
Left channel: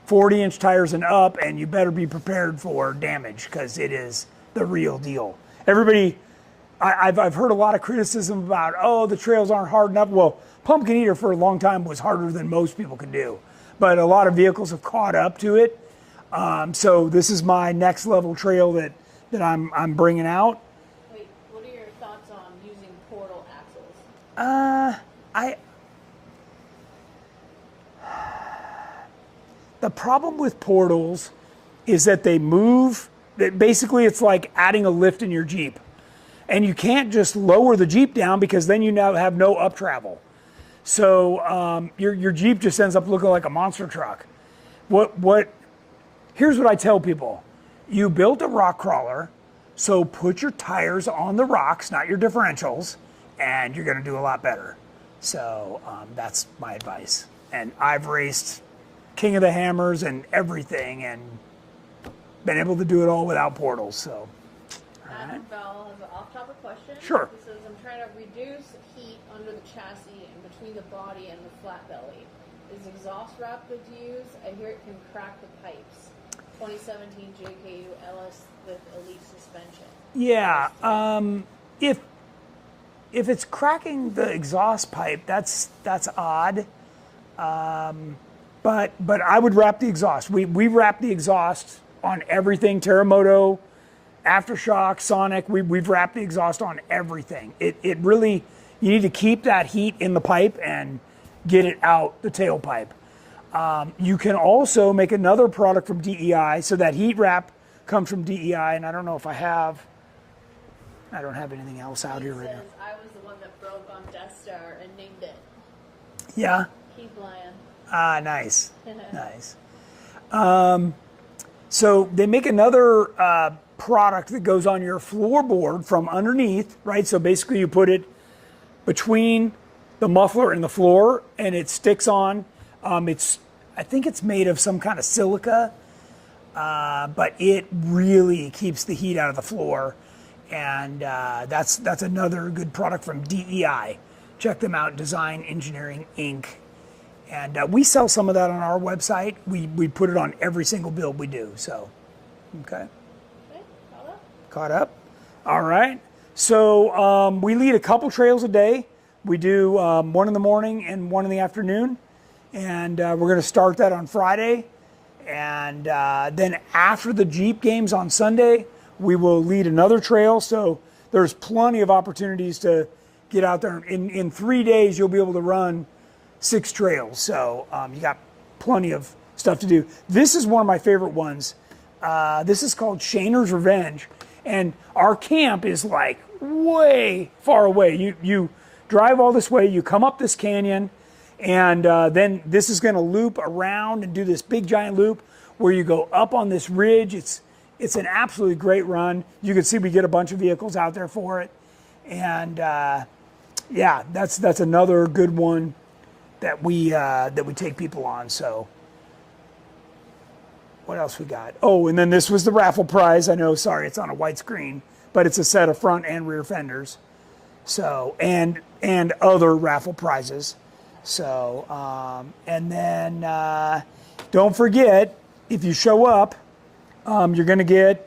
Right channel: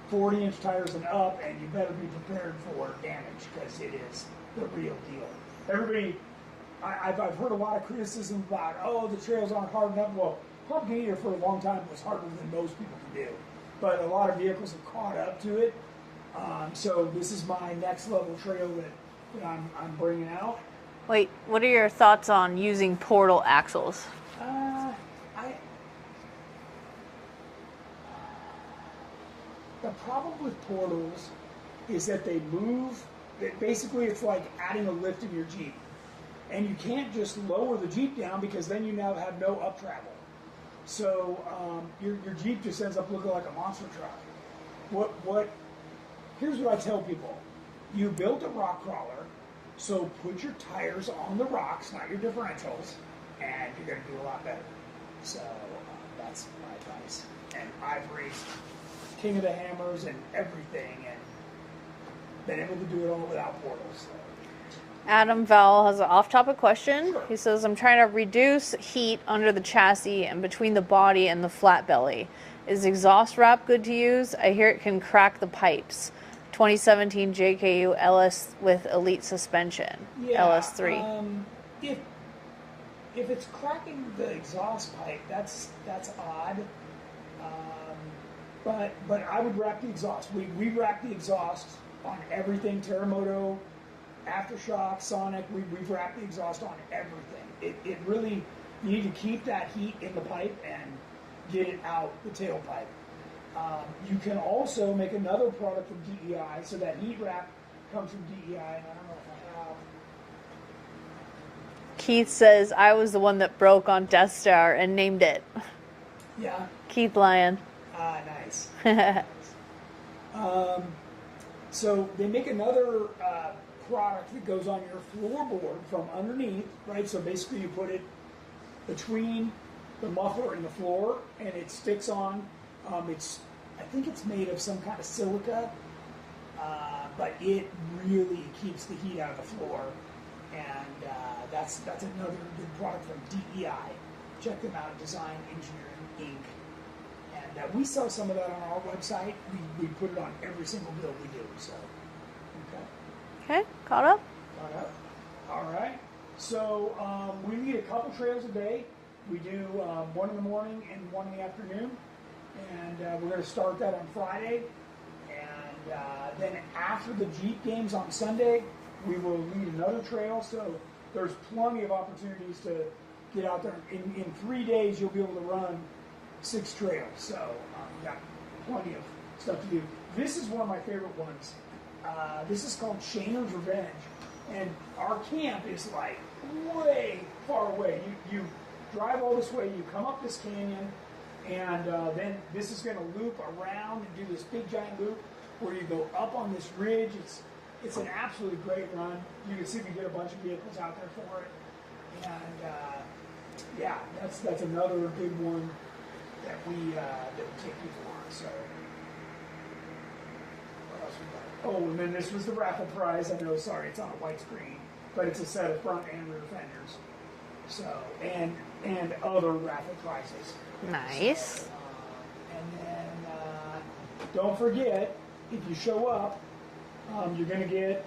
40-inch tires and up, and you better be prepared for damage because it is the real deal. Everybody, I've heard a lot of criticism about, the trails aren't hard enough. Well, Pumpkin Eater for a long time was harder than most people could do, but a lot of vehicles have caught up to it. So this is my next level trail that I'm bringing out. Wait, what are your thoughts on using portal axles? The problem with portals is that they move. Basically, it's like adding a lift in your Jeep. And you can't just lower the Jeep down because then you now have no up travel. So your Jeep just ends up looking like a monster truck. Here's what I tell people. You built a rock crawler, so put your tires on the rocks, not your differentials, and you're gonna do a lot better. So that's my advice. And I've raced King of the Hammers and everything and been able to do it all without portals, so. Adam Vowell has an off-topic question. Sure. He says, I'm trying to reduce heat under the chassis and between the body and the flat belly. Is exhaust wrap good to use? I hear it can crack the pipes. 2017 JKU LS with Elite suspension. Yeah. LS3. If it's cracking the exhaust pipe, that's odd. But I would wrap the exhaust. We wrap the exhaust on everything. Terremoto, Aftershock, Sonic. We've wrapped the exhaust on everything. It really, you need to keep that heat in the pipe and get it out the tailpipe. You can also make another product from DEI. So that heat wrap comes from DEI, and I don't know if I don't have anything else. Keith says, I was the one that broke on Death Star and named it. Yeah. Keith Lyon. Ah, nice. Nice. So they make another product that goes on your floorboard from underneath, right? So basically you put it between the muffler and the floor, and it sticks on. I think it's made of some kind of silica, but it really keeps the heat out of the floor. And that's another good product from DEI. Check them out, Design Engineering Inc. And we sell some of that on our website. We put it on every single build we do. So, okay. Okay, caught up? Caught up. All right. So we lead a couple trails a day. We do one in the morning and one in the afternoon. And we're going to start that on Friday. And then after the Jeep games on Sunday, we will lead another trail. So there's plenty of opportunities to get out there. In 3 days, you'll be able to run 6 trails. So you got plenty of stuff to do. This is one of my favorite ones. This is called Shaner's Revenge. And our camp is like way far away. You drive all this way, you come up this canyon, and then this is going to loop around and do this big giant loop where you go up on this ridge. It's an absolutely great run. You can see we get a bunch of vehicles out there for it. And yeah, that's another good one that we take people on. So what else we got? Oh, and then this was the raffle prize. I know, sorry, it's on a white screen, but it's a set of front and rear fenders. So and other raffle prizes. Nice. So, and then don't forget, if you show up, you're going to get,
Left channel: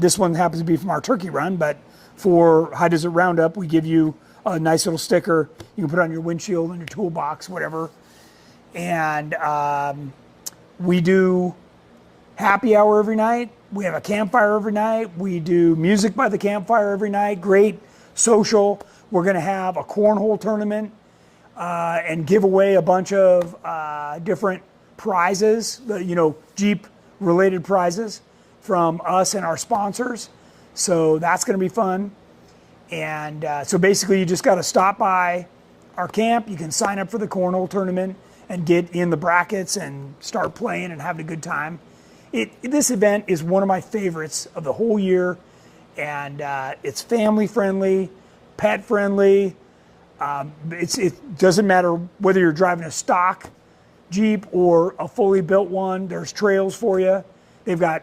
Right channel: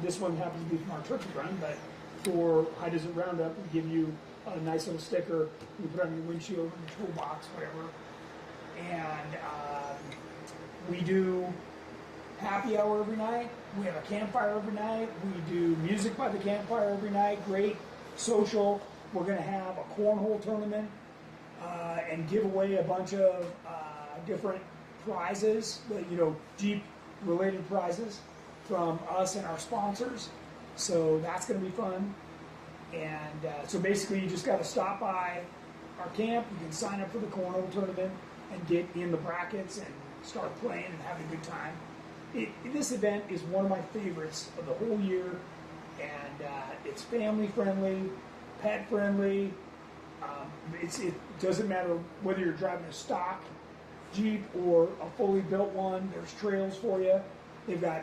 this one happens to be from our turkey run, but for High Desert Roundup, we give you a nice little sticker. You can put on your windshield, in your toolbox, whatever. And we do happy hour every night. We have a campfire every night. We do music by the campfire every night. Great social. We're going to have a cornhole tournament and give away a bunch of different prizes, Jeep related prizes from us and our sponsors. So that's going to be fun. And so basically you just got to stop by our camp. You can sign up for the cornhole tournament and get in the brackets and start playing and having a good time. This event is one of my favorites of the whole year, and it's family friendly, pet friendly. It doesn't matter whether you're driving a stock Jeep or a fully built one. There's trails for you. They've got,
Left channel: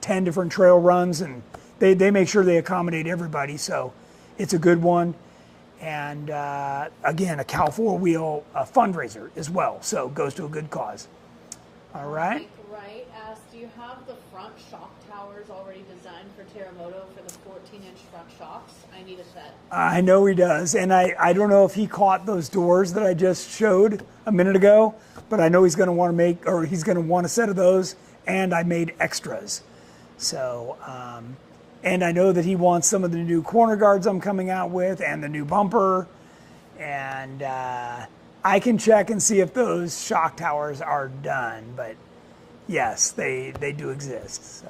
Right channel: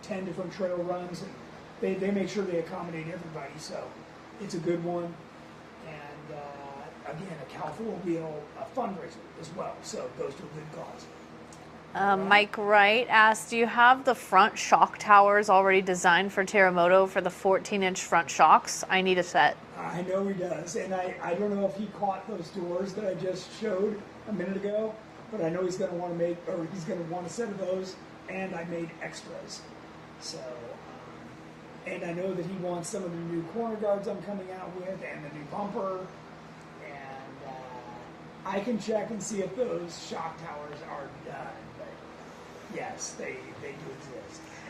10 different trail runs, and they make sure they accommodate everybody. So it's a good one. And again, a Cal 4-wheel fundraiser as well. So it goes to a good cause. Right. Mike Wright asked, do you have the front shock towers already designed for Terremoto for the 14-inch front shocks? I need a set. I know he does. And I don't know if he caught those doors that I just showed a minute ago, but I know he's going to want a set of those, and I made extras. So, and I know that he wants some of the new corner guards I'm coming out with and the new bumper. And I can check and see if those shock towers are done, but yes, they do exist. So.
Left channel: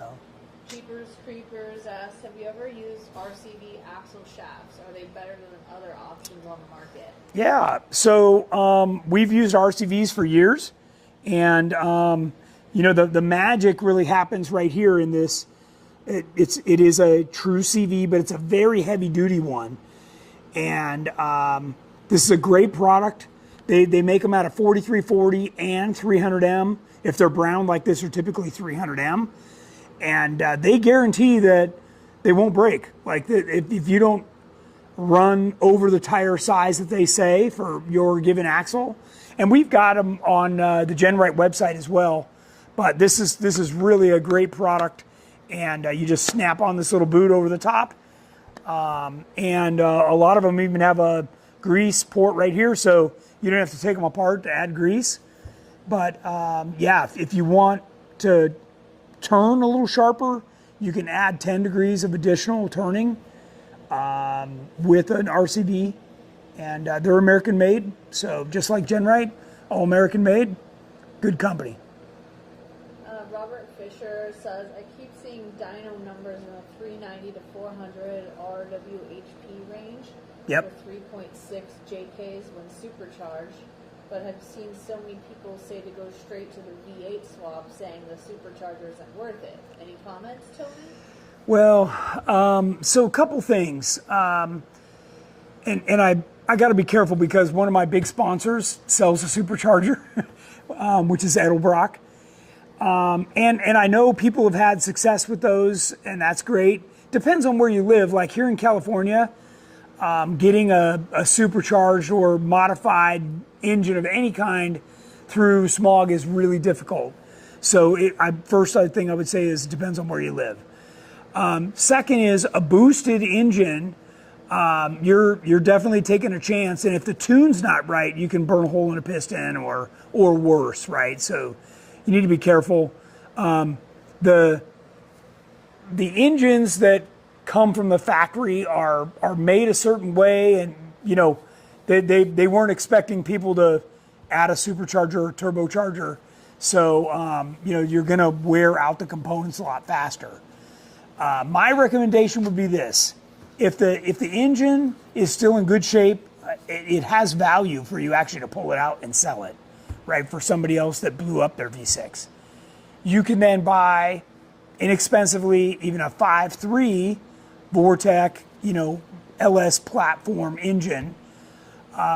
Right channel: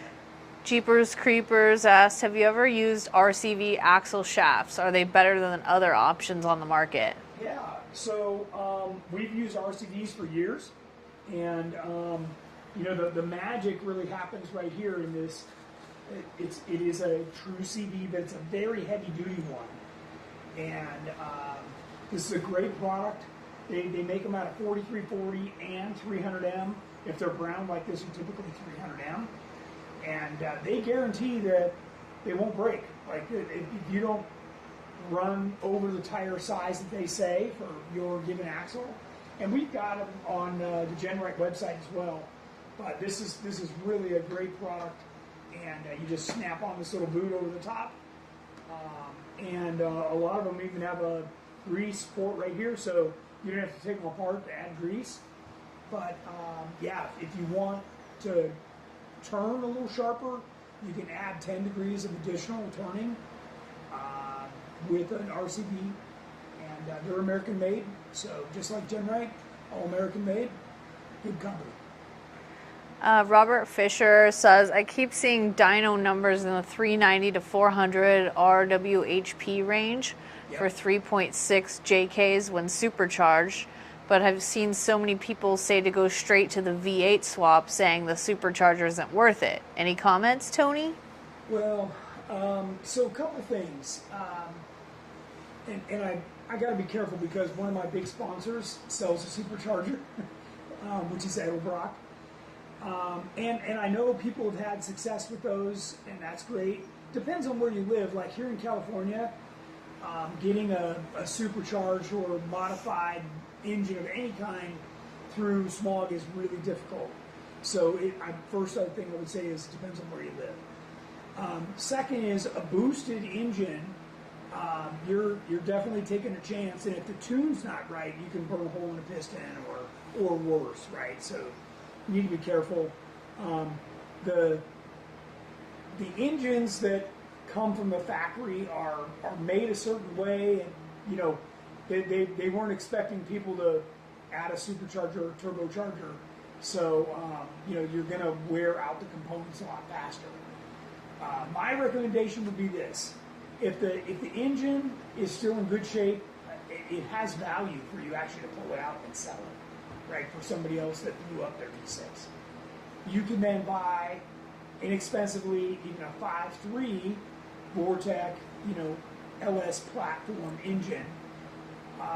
Jeepers Creepers asked, have you ever used RCV axle shafts? Are they better than other options on the market? Yeah, so we've used RCVs for years, and the magic really happens right here in this. It is a true CV, but it's a very heavy duty one, and this is a great product. They make them out of 4340 and 300M. If they're brown like this, are typically 300M. And they guarantee that they won't break. Like if you don't run over the tire size that they say for your given axle. And we've got them on the GenRight website as well. But this is really a great product. And you just snap on this little boot over the top. And a lot of them even have a grease port right here, so you don't have to take them apart to add grease. But yeah, if you want to turn a little sharper, you can add 10 degrees of additional turning with an RCV. And they're American made, so just like GenRight, all American made, good company. Robert Fisher says, I keep seeing dyno numbers in the 390 to 400 RWHP range for 3.6 JKs when supercharged, but I've seen so many people say to go straight to the V8 swap, saying the supercharger isn't worth it. Any comments, Tony? Well, so a couple things. And I got to be careful because one of my big sponsors sells a supercharger, which is Edelbrock. And I know people have had success with those, and that's great. Depends on where you live. Like here in California, getting a supercharged or modified engine of any kind through smog is really difficult. So first thing I would say is it depends on where you live. Second is a boosted engine. You're definitely taking a chance, and if the tune's not right, you can burn a hole in a piston or worse, right? So you need to be careful. The engines that come from the factory are made a certain way, and they weren't expecting people to add a supercharger or turbocharger, so you're going to wear out the components a lot faster. My recommendation would be this: if the engine is still in good shape, it has value for you actually to pull it out and sell it, right, for somebody else that blew up their V6. You can then buy inexpensively even a 5.3 Vortec, LS platform engine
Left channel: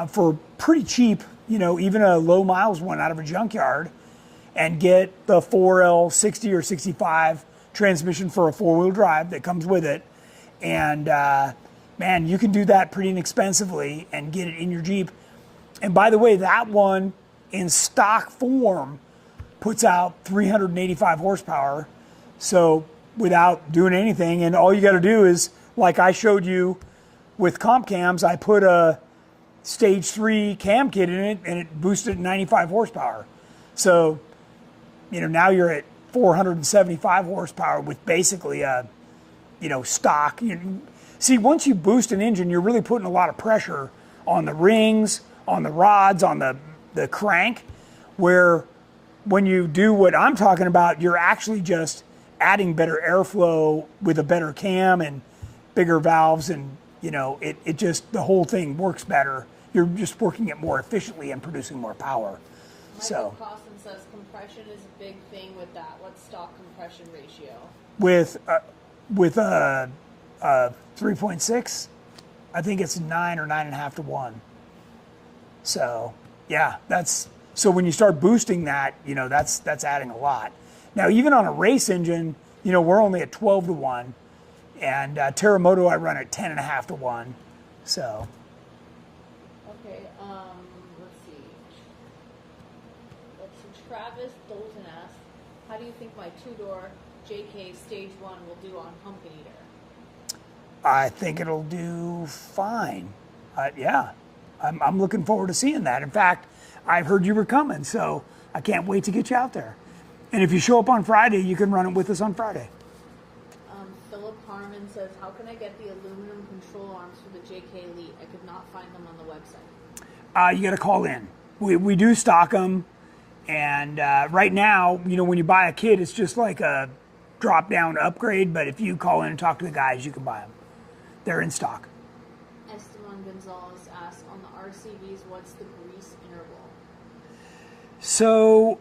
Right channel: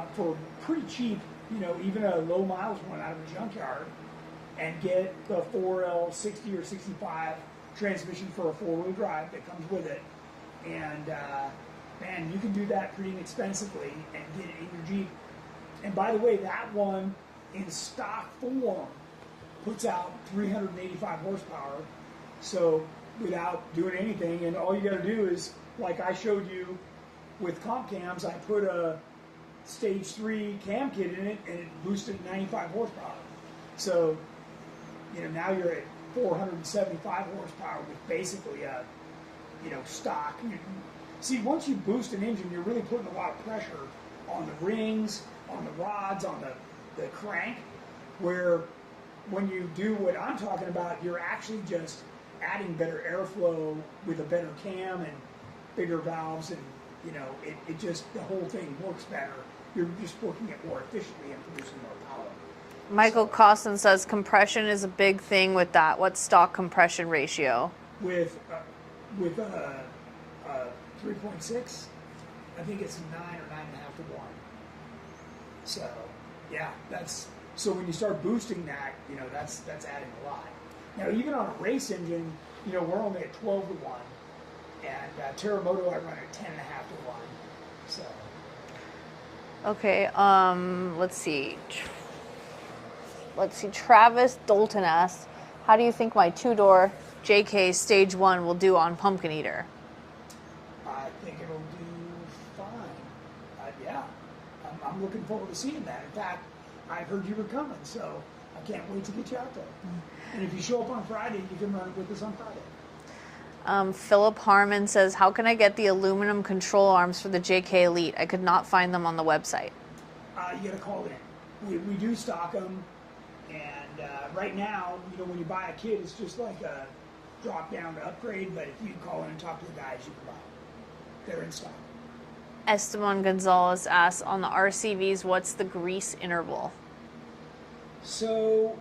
for pretty cheap, even a low miles one out of a junkyard, and get the 4L 60 or 65 transmission for a 4-wheel drive that comes with it. And man, you can do that pretty inexpensively and get it in your Jeep. And by the way, that one in stock form puts out 385 horsepower. So without doing anything, and all you got to do is, like I showed you with comp cams, I put a stage 3 cam kit in it and it boosted 95 horsepower. So, now you're at 475 horsepower with basically a, stock. See, once you boost an engine, you're really putting a lot of pressure on the rings, on the rods, on the crank, where when you do what I'm talking about, you're actually just adding better airflow with a better cam and bigger valves, and it just, the whole thing works better. You're just working it more efficiently and producing more power. Michael Costin says compression is a big thing with that. What's stock compression ratio? With a 3.6, I think it's 9 or 9.5 to 1. So yeah, so when you start boosting that, that's adding a lot. Now, even on a race engine, we're only at 12 to 1, and Terremoto I run at 10.5 to 1. So. Okay, let's see. Travis Dalton asks, how do you think my 2-door JK Stage 1 will do on Pumpkin Eater? I think it'll do fine. Yeah, I'm looking forward to seeing that. In fact, I've heard you were coming, so I can't wait to get you out there. And if you show up on Friday, you can run it with us on Friday. Philip Harmon says, how can I get the aluminum control arms for the JK Elite? I could not find them on the website. You got to call in. We do stock them. And right now, when you buy a kit, it's just like a drop-down upgrade. But if you call in and talk to the guys, you can buy them. They're in stock. Esteban Gonzalez asks, on the RCVs, what's the grease interval? So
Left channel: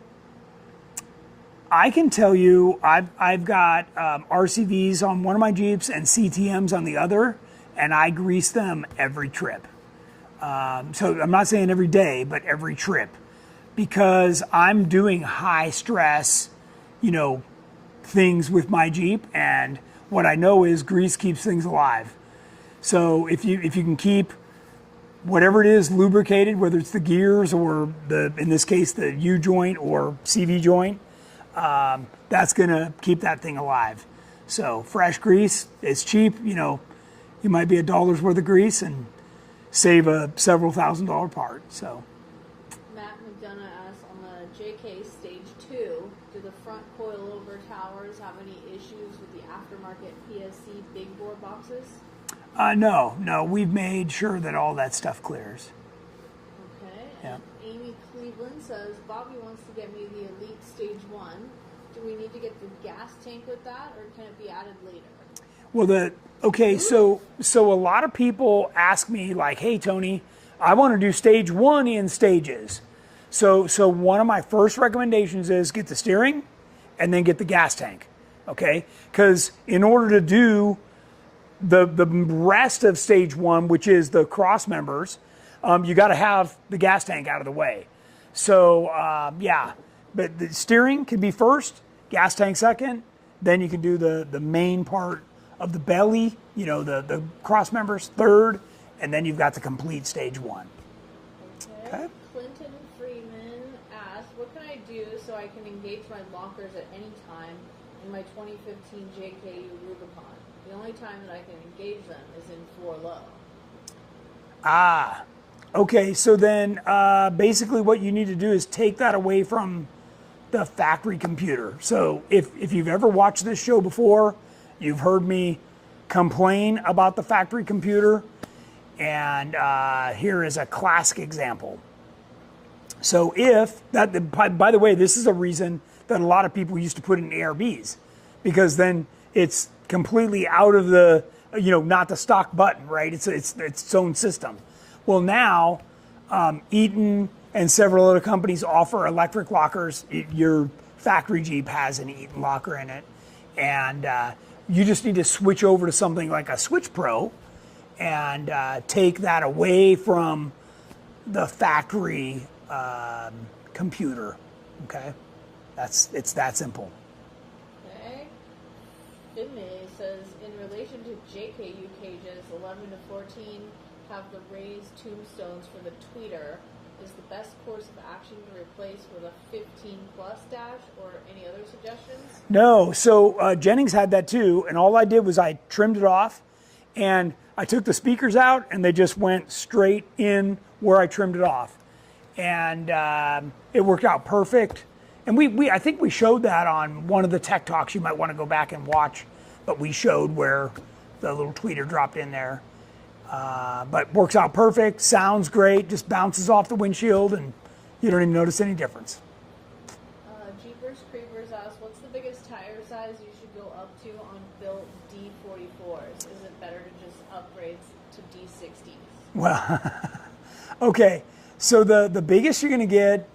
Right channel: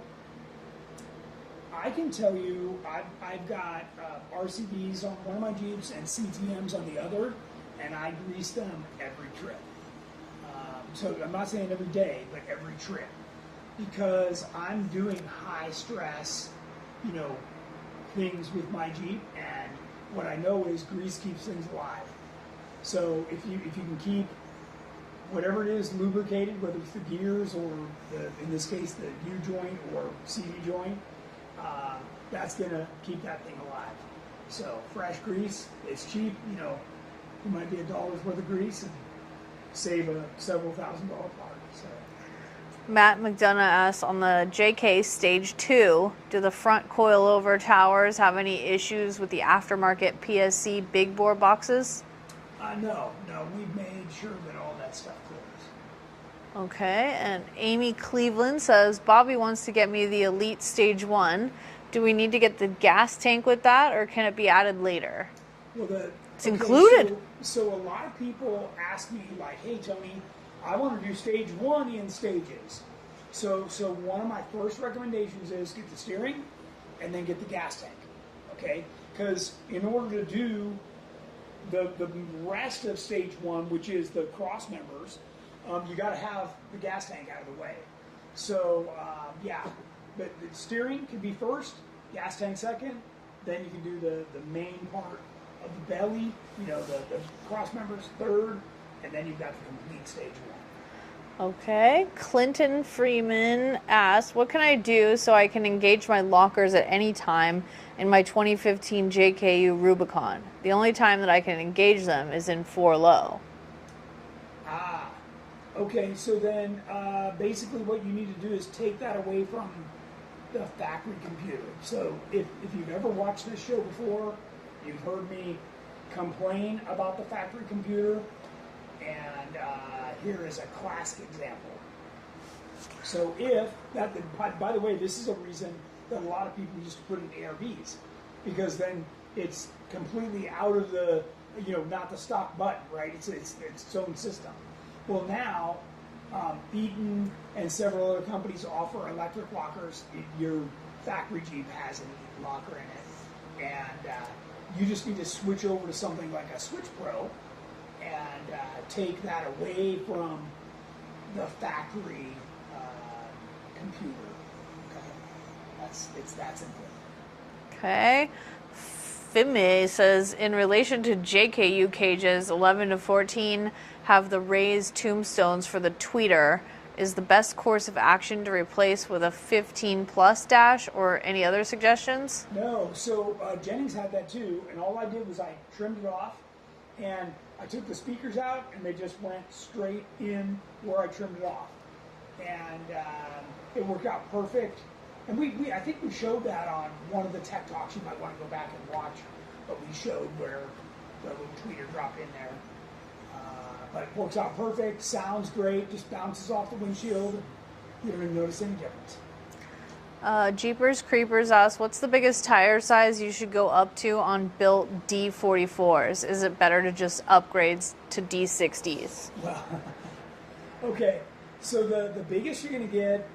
I can tell you, I've got RCVs on one of my Jeeps and CTMs on the other, and I grease them every trip. So I'm not saying every day, but every trip, because I'm doing high stress, things with my Jeep, and what I know is grease keeps things alive. So if you can keep whatever it is lubricated, whether it's the gears or in this case the U joint or CV joint, that's gonna keep that thing alive. So fresh grease is cheap. You might be $1 worth of grease and save a several $1,000 part. So. Matt McDonough asks, on the JK Stage 2, do the front coilover towers have any issues with the aftermarket PSC big bore boxes? No, we've made sure that all that stuff clears. Okay, and Amy Cleveland says, Bobby wants to get me the Elite Stage 1. Do we need to get the gas tank with that, or can it be added later? Well, so a lot of people ask me, like, hey, Tony, I want to do Stage 1 in stages. So one of my first recommendations is get the steering and then get the gas tank, okay? Because in order to do the rest of Stage 1, which is the cross members, you got to have the gas tank out of the way. So yeah, but the steering can be first, gas tank second, then you can do the main part of the belly, the cross members third, and then you've got the complete Stage 1. Okay. Clinton Freeman asks, what can I do so I can engage my lockers at any time in my 2015 JKU Rubicon? The only time that I can engage them is in 4 low. Okay, so then basically what you need to do is take that away from the factory computer. So if you've ever watched this show before, you've heard me complain about the factory computer, and here is a classic example. So by the way, this is a reason that a lot of people used to put in ARBs, because then it's completely out of the, not the stock button, right? It's its own system. Well, now Eaton and several other companies offer electric lockers. Your factory Jeep has an Eaton locker in it, and you just need to switch over to something like a Switch Pro and take that away from the factory computer. Okay, it's that simple. Okay. Fime says, in relation to JKU cages 11 to 14 have the raised tombstones for the tweeter, Is the best course of action to replace with a 15 plus dash, or any other suggestions? No, so Jennings had that too, and all I did was I trimmed it off, and I took the speakers out, and they just went straight in where I trimmed it off, and it worked out perfect. And I think we showed that on one of the tech talks. You might want to go back and watch, but we showed where the little tweeter dropped in there. But works out perfect, sounds great, just bounces off the windshield, and you don't even notice any difference. Jeepers Creepers asks, what's the biggest tire size you should go up to on built D44s? Is it better to just upgrade to D60s? Well, okay, so the biggest you're going to get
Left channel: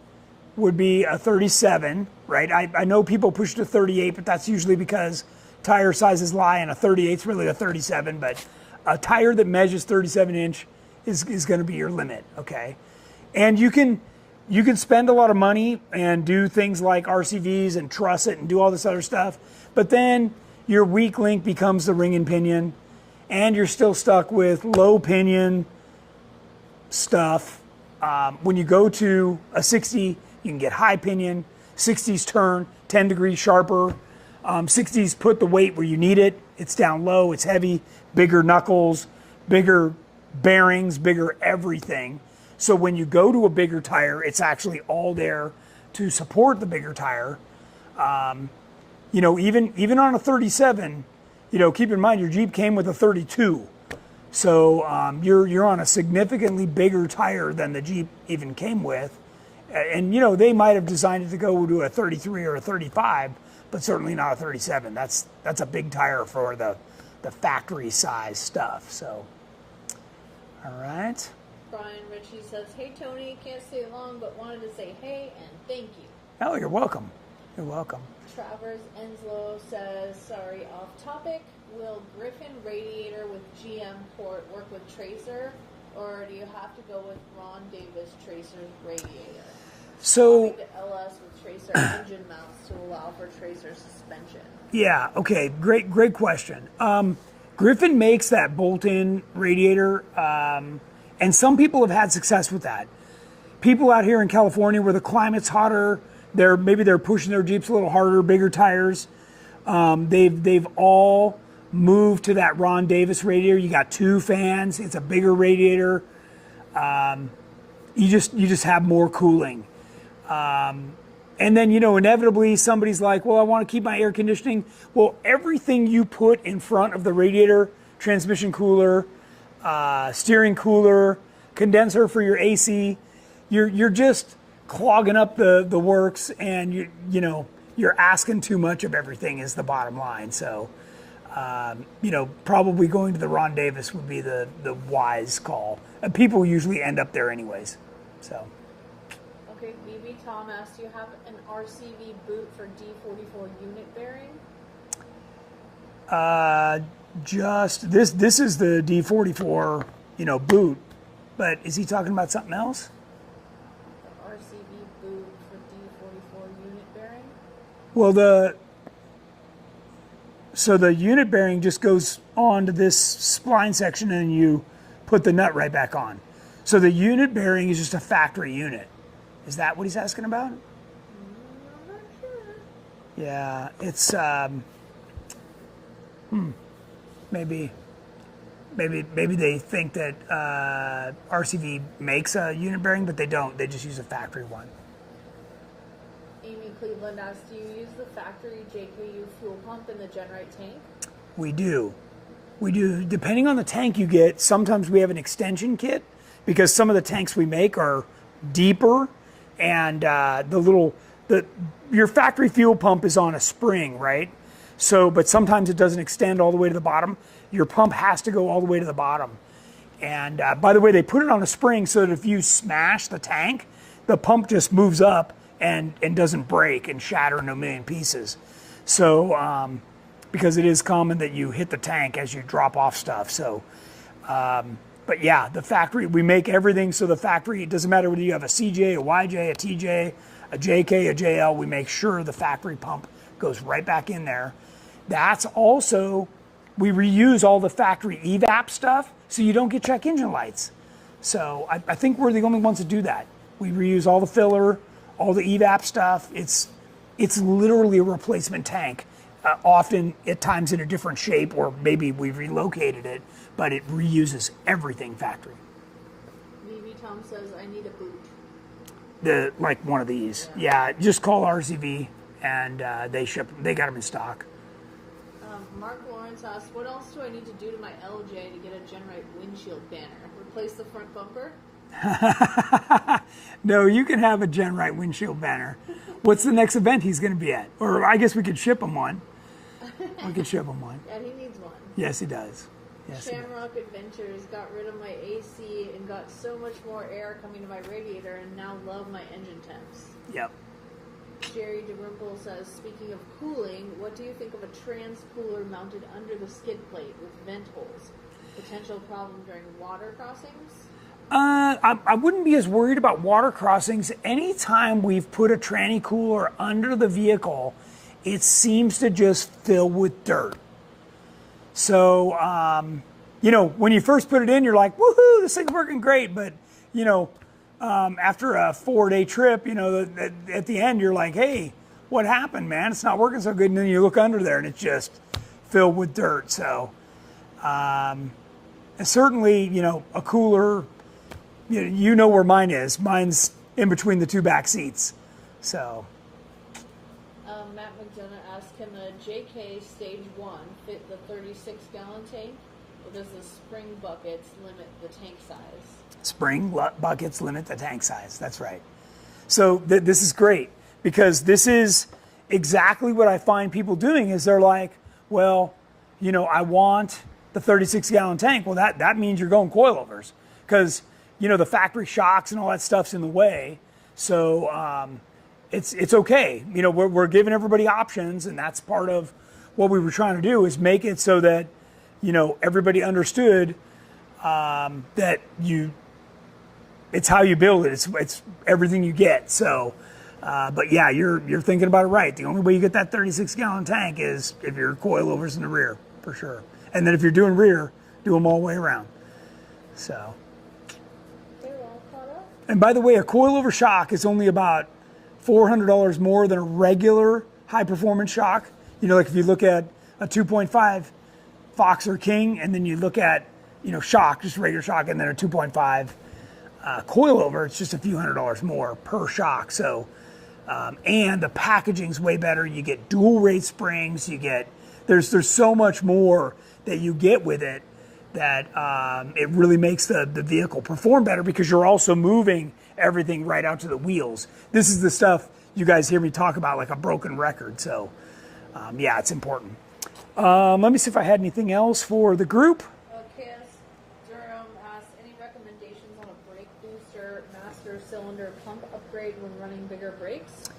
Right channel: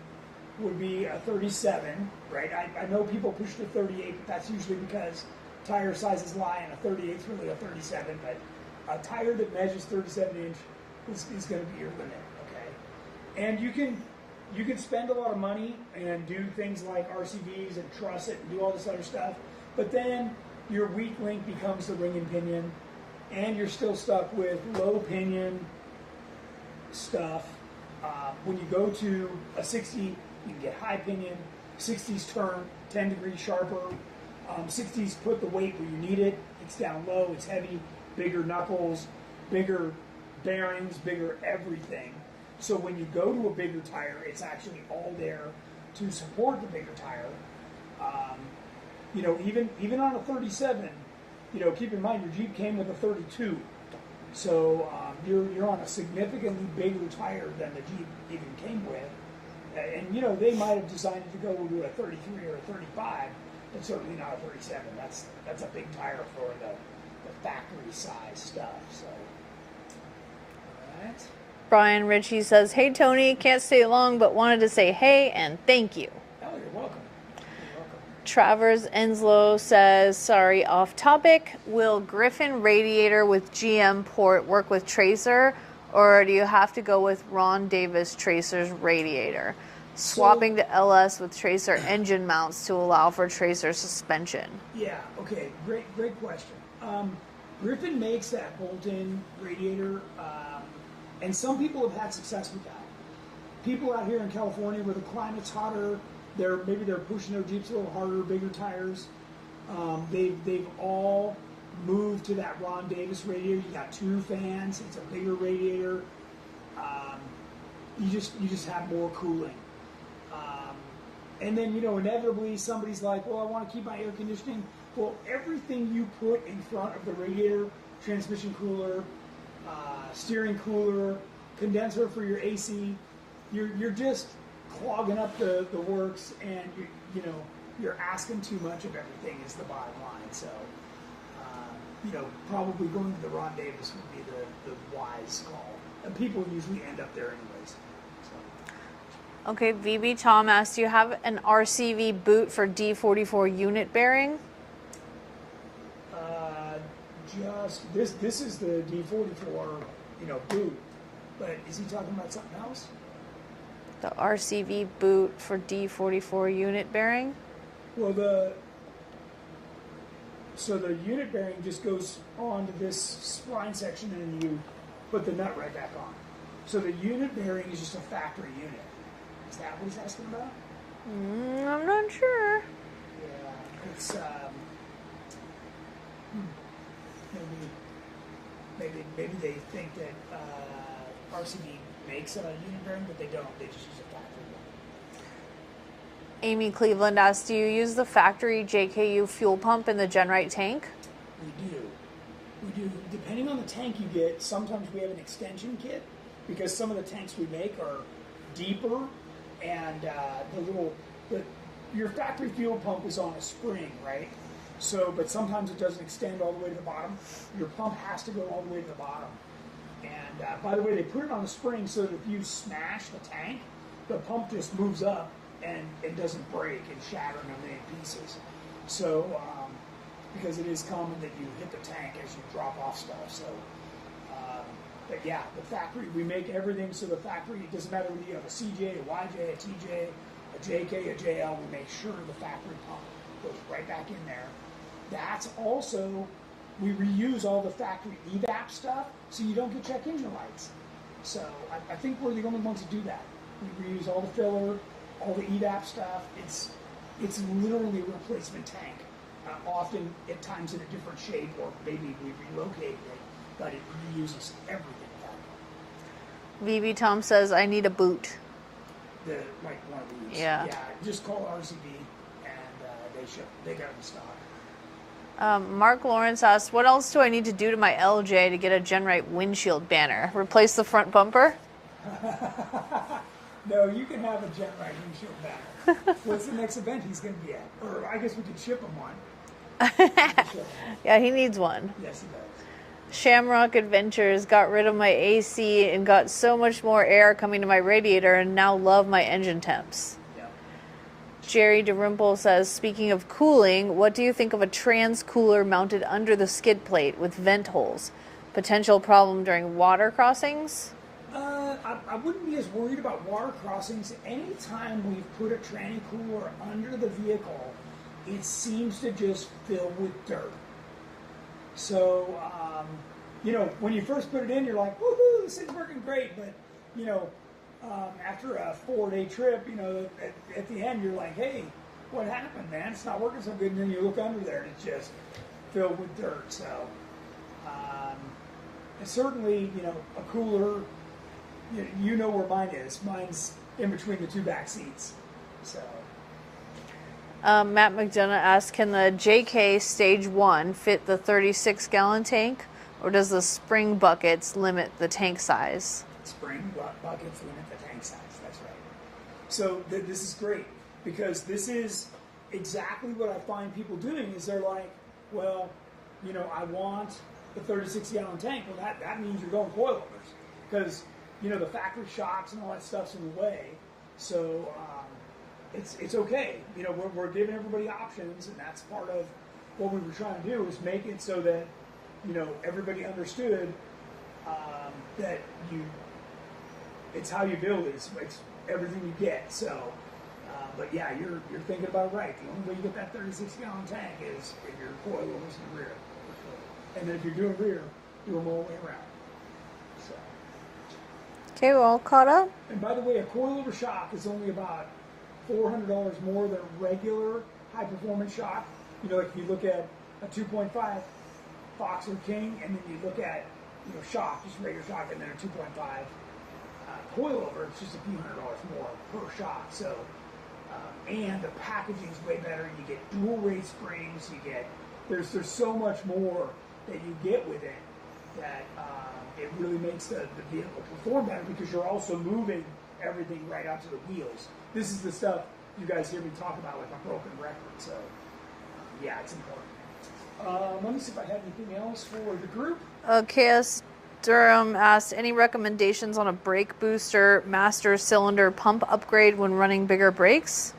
would be a 37, right? I know people push to 38, but that's usually because tire sizes lie, and a 38 is really a 37, but a tire that measures 37 inch is going to be your limit, okay? And you can spend a lot of money and do things like RCVs and truss it and do all this other stuff, but then your weak link becomes the ring and pinion, and you're still stuck with low pinion stuff. When you go to a 60, you can get high pinion. 60s turn 10 degrees sharper. 60s put the weight where you need it. It's down low, it's heavy, bigger knuckles, bigger bearings, bigger everything. So when you go to a bigger tire, it's actually all there to support the bigger tire. Even on a 37, keep in mind your Jeep came with a 32. So you're on a significantly bigger tire than the Jeep even came with. And they might have designed it to go to a 33 or a 35, but certainly not a 37. That's a big tire for the factory size stuff. So, all right. Brian Ritchie says, hey Tony, can't stay long, but wanted to say hey and thank you. Oh, you're welcome. You're welcome. Travers Enslow says, sorry, off topic. Will Griffin radiator with GM port work with Tracer, or do you have to go with Ron Davis Tracer's radiator? Swapping to LS with Tracer engine mounts to allow for Tracer suspension. Yeah, okay, great question. Griffin makes that bolt-in radiator, and some people have had success with that. People out here in California where the climate's hotter, maybe they're pushing their Jeeps a little harder, bigger tires. They've all moved to that Ron Davis radiator. You got 2 fans. It's a bigger radiator. You just have more cooling. And then, inevitably somebody's like, well, I want to keep my air conditioning. Well, everything you put in front of the radiator, transmission cooler, steering cooler, condenser for your AC, you're just clogging up the works, and you're asking too much of everything is the bottom line. So, probably going to the Ron Davis would be the wise call. And people usually end up there anyways. So. Okay, VB Tom asked, do you have an RCV boot for D44 unit bearing? Just this is the D44, boot. But is he talking about something else? The RCV boot for D44 unit bearing? Well, the unit bearing just goes on to this spline section, and you put the nut right back on. So the unit bearing is just a factory unit. Is that what he's asking about? I'm not sure. Yeah, it's maybe they think that RCV makes a unit bearing, but they don't. They just use a factory one. Amy Cleveland asks, do you use the factory JKU fuel pump in the GenRight tank? We do. Depending on the tank you get, sometimes we have an extension kit, because some of the tanks we make are deeper, and your factory fuel pump is on a spring, right? So, but sometimes it doesn't extend all the way to the bottom. Your pump has to go all the way to the bottom. And by the way, they put it on a spring so that if you smash the tank, the pump just moves up and doesn't break and shatter in a million pieces. So, because it is common that you hit the tank as you drop off stuff. So, but yeah, the factory, we make everything so the factory, it doesn't matter whether you have a CJ, a YJ, a TJ, a JK, a JL, we make sure the factory pump goes right back in there. That's also, we reuse all the factory evap stuff so you don't get check engine lights. So I think we're the only ones that do that. We reuse all the filler, all the evap stuff. It's literally a replacement tank. Often at times in a different shape, or maybe we relocated it, but it reuses everything factory. VB Tom says, I need a boot. Like one of these. Yeah. Just call RCV and they ship. They got them in stock. Mark Lawrence asks, what else do I need to do to my LJ to get a GenRight windshield banner? Replace the front bumper? No, you can have a GenRight windshield banner. What's the next event he's going to be at? Or I guess we could ship him one. Yeah, he needs one. Yes, he does. Yes, Shamrock Adventures got rid of my AC and got so much more air coming to my radiator and now love my engine temps. Yep. Jerry DeRimple says, speaking of cooling, what do you think of a trans cooler mounted under the skid plate with vent holes? Potential problem during water crossings? I wouldn't be as worried about water crossings. Anytime we've put a tranny cooler under the vehicle, it seems to just fill with dirt. So, when you first put it in, you're like, woohoo, this thing's working great. But, after a 4-day trip, at the end, you're like, hey, what happened, man? It's not working so good. And then you look under there and it's just filled with dirt. So, certainly, a cooler, you know where mine is. Mine's in between the two back seats. So. Matt McDonough asks, can the JK Stage 1 fit the 36-gallon tank, or does the spring buckets limit the tank size? Spring buckets limit the tank size. That's right. So this is great, because this is exactly what I find people doing is they're like, well, I want the 36-gallon tank. Well, that means you're going coilovers, because, the factory shocks and all that stuff's in the way. So, it's okay. We're giving everybody options, and that's part of what we were trying to do is make it so that, everybody understood that it's how you build it. It's everything you get. So, but yeah, you're thinking about it right. The only way you get that 36-gallon tank is if you're coilovers in the rear, for sure. And then if you're doing rear, do them all the way around. So. Okay, we're all caught up. And by the way, a coilover shock is only about $400 more than a regular high-performance shock. Like if you look at a 2.5 Fox or King, and then you look at, shock, just regular shock, and then a 2.5 coilover, it's just a few $100s more per shock. So, and the packaging's way better. You get dual rate springs. There's so much more that you get with it that it really makes the vehicle perform better, because you're also moving everything right out to the wheels. This is the stuff you guys hear me talk about like a broken record. So, yeah, it's important. Let me see if I had anything else for the group. KS Durham asked, any recommendations on a brake booster master cylinder pump upgrade when running bigger brakes?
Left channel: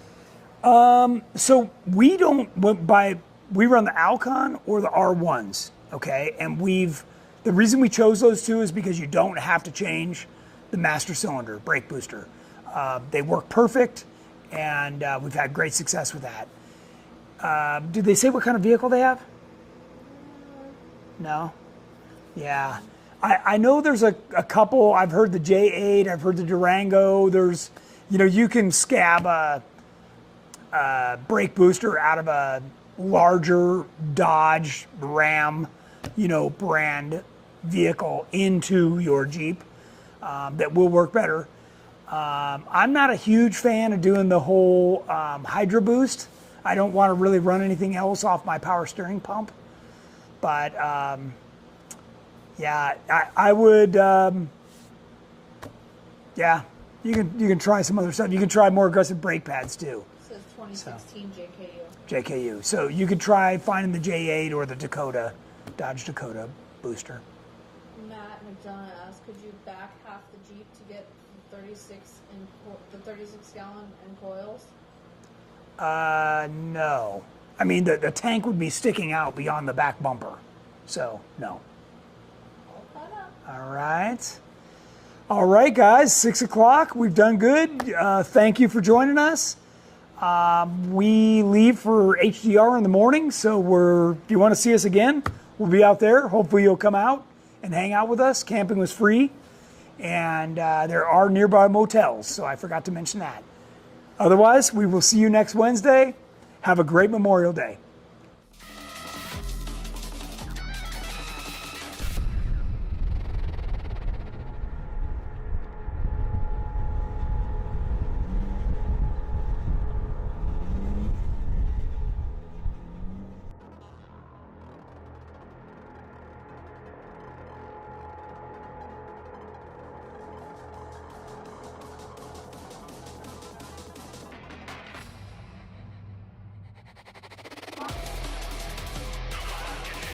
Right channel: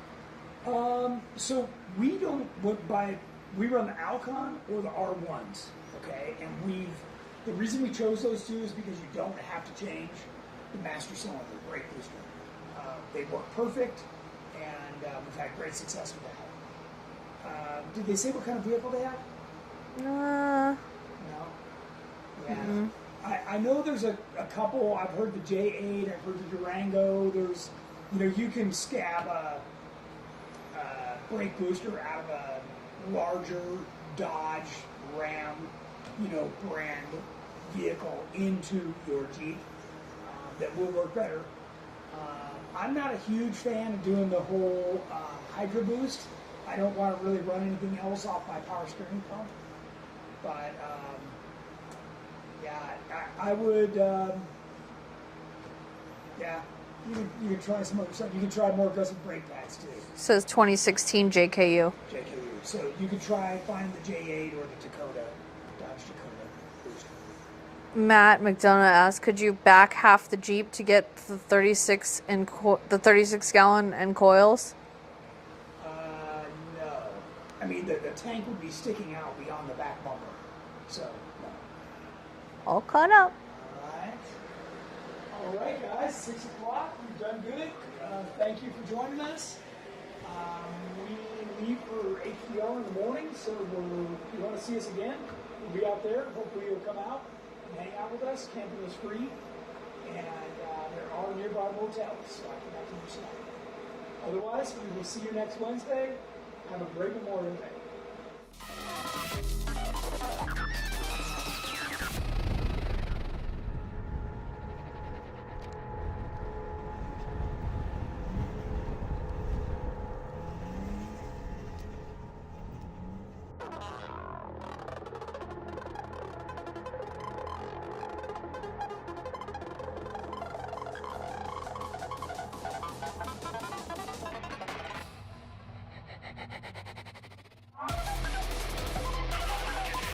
So we run the Alcon or the R1s, okay? And the reason we chose those two is because you don't have to change the master cylinder brake booster. They work perfect, and we've had great success with that. Did they say what kind of vehicle they have? No? Yeah. Mm-hmm. I know there's a couple. I've heard the J8, I've heard the Durango. There's, you can scab a brake booster out of a larger Dodge, Ram, brand vehicle into your Jeep. That will work better. I'm not a huge fan of doing the whole Hydro Boost. I don't want to really run anything else off my power steering pump. But yeah, I would. Yeah, you can try some other stuff. You can try more aggressive brake pads too. Says 2016 JKU. JKU. So you could try finding the J8 or the Dodge Dakota booster. Matt McDonough asked, could you back half the Jeep to get the 36 gallon and coils? No. I mean, the tank would be sticking out beyond the back bumper. So, no. All caught up. All right. All right, guys, 6 o'clock. We've done good. Thank you for joining us. We leave for HDR in the morning, so if you want to see us again, we'll be out there. Hopefully you'll come out and hang out with us. Camping was free. and there are nearby motels, so I forgot to mention that. Otherwise, we will see you next Wednesday. Have a great Memorial Day.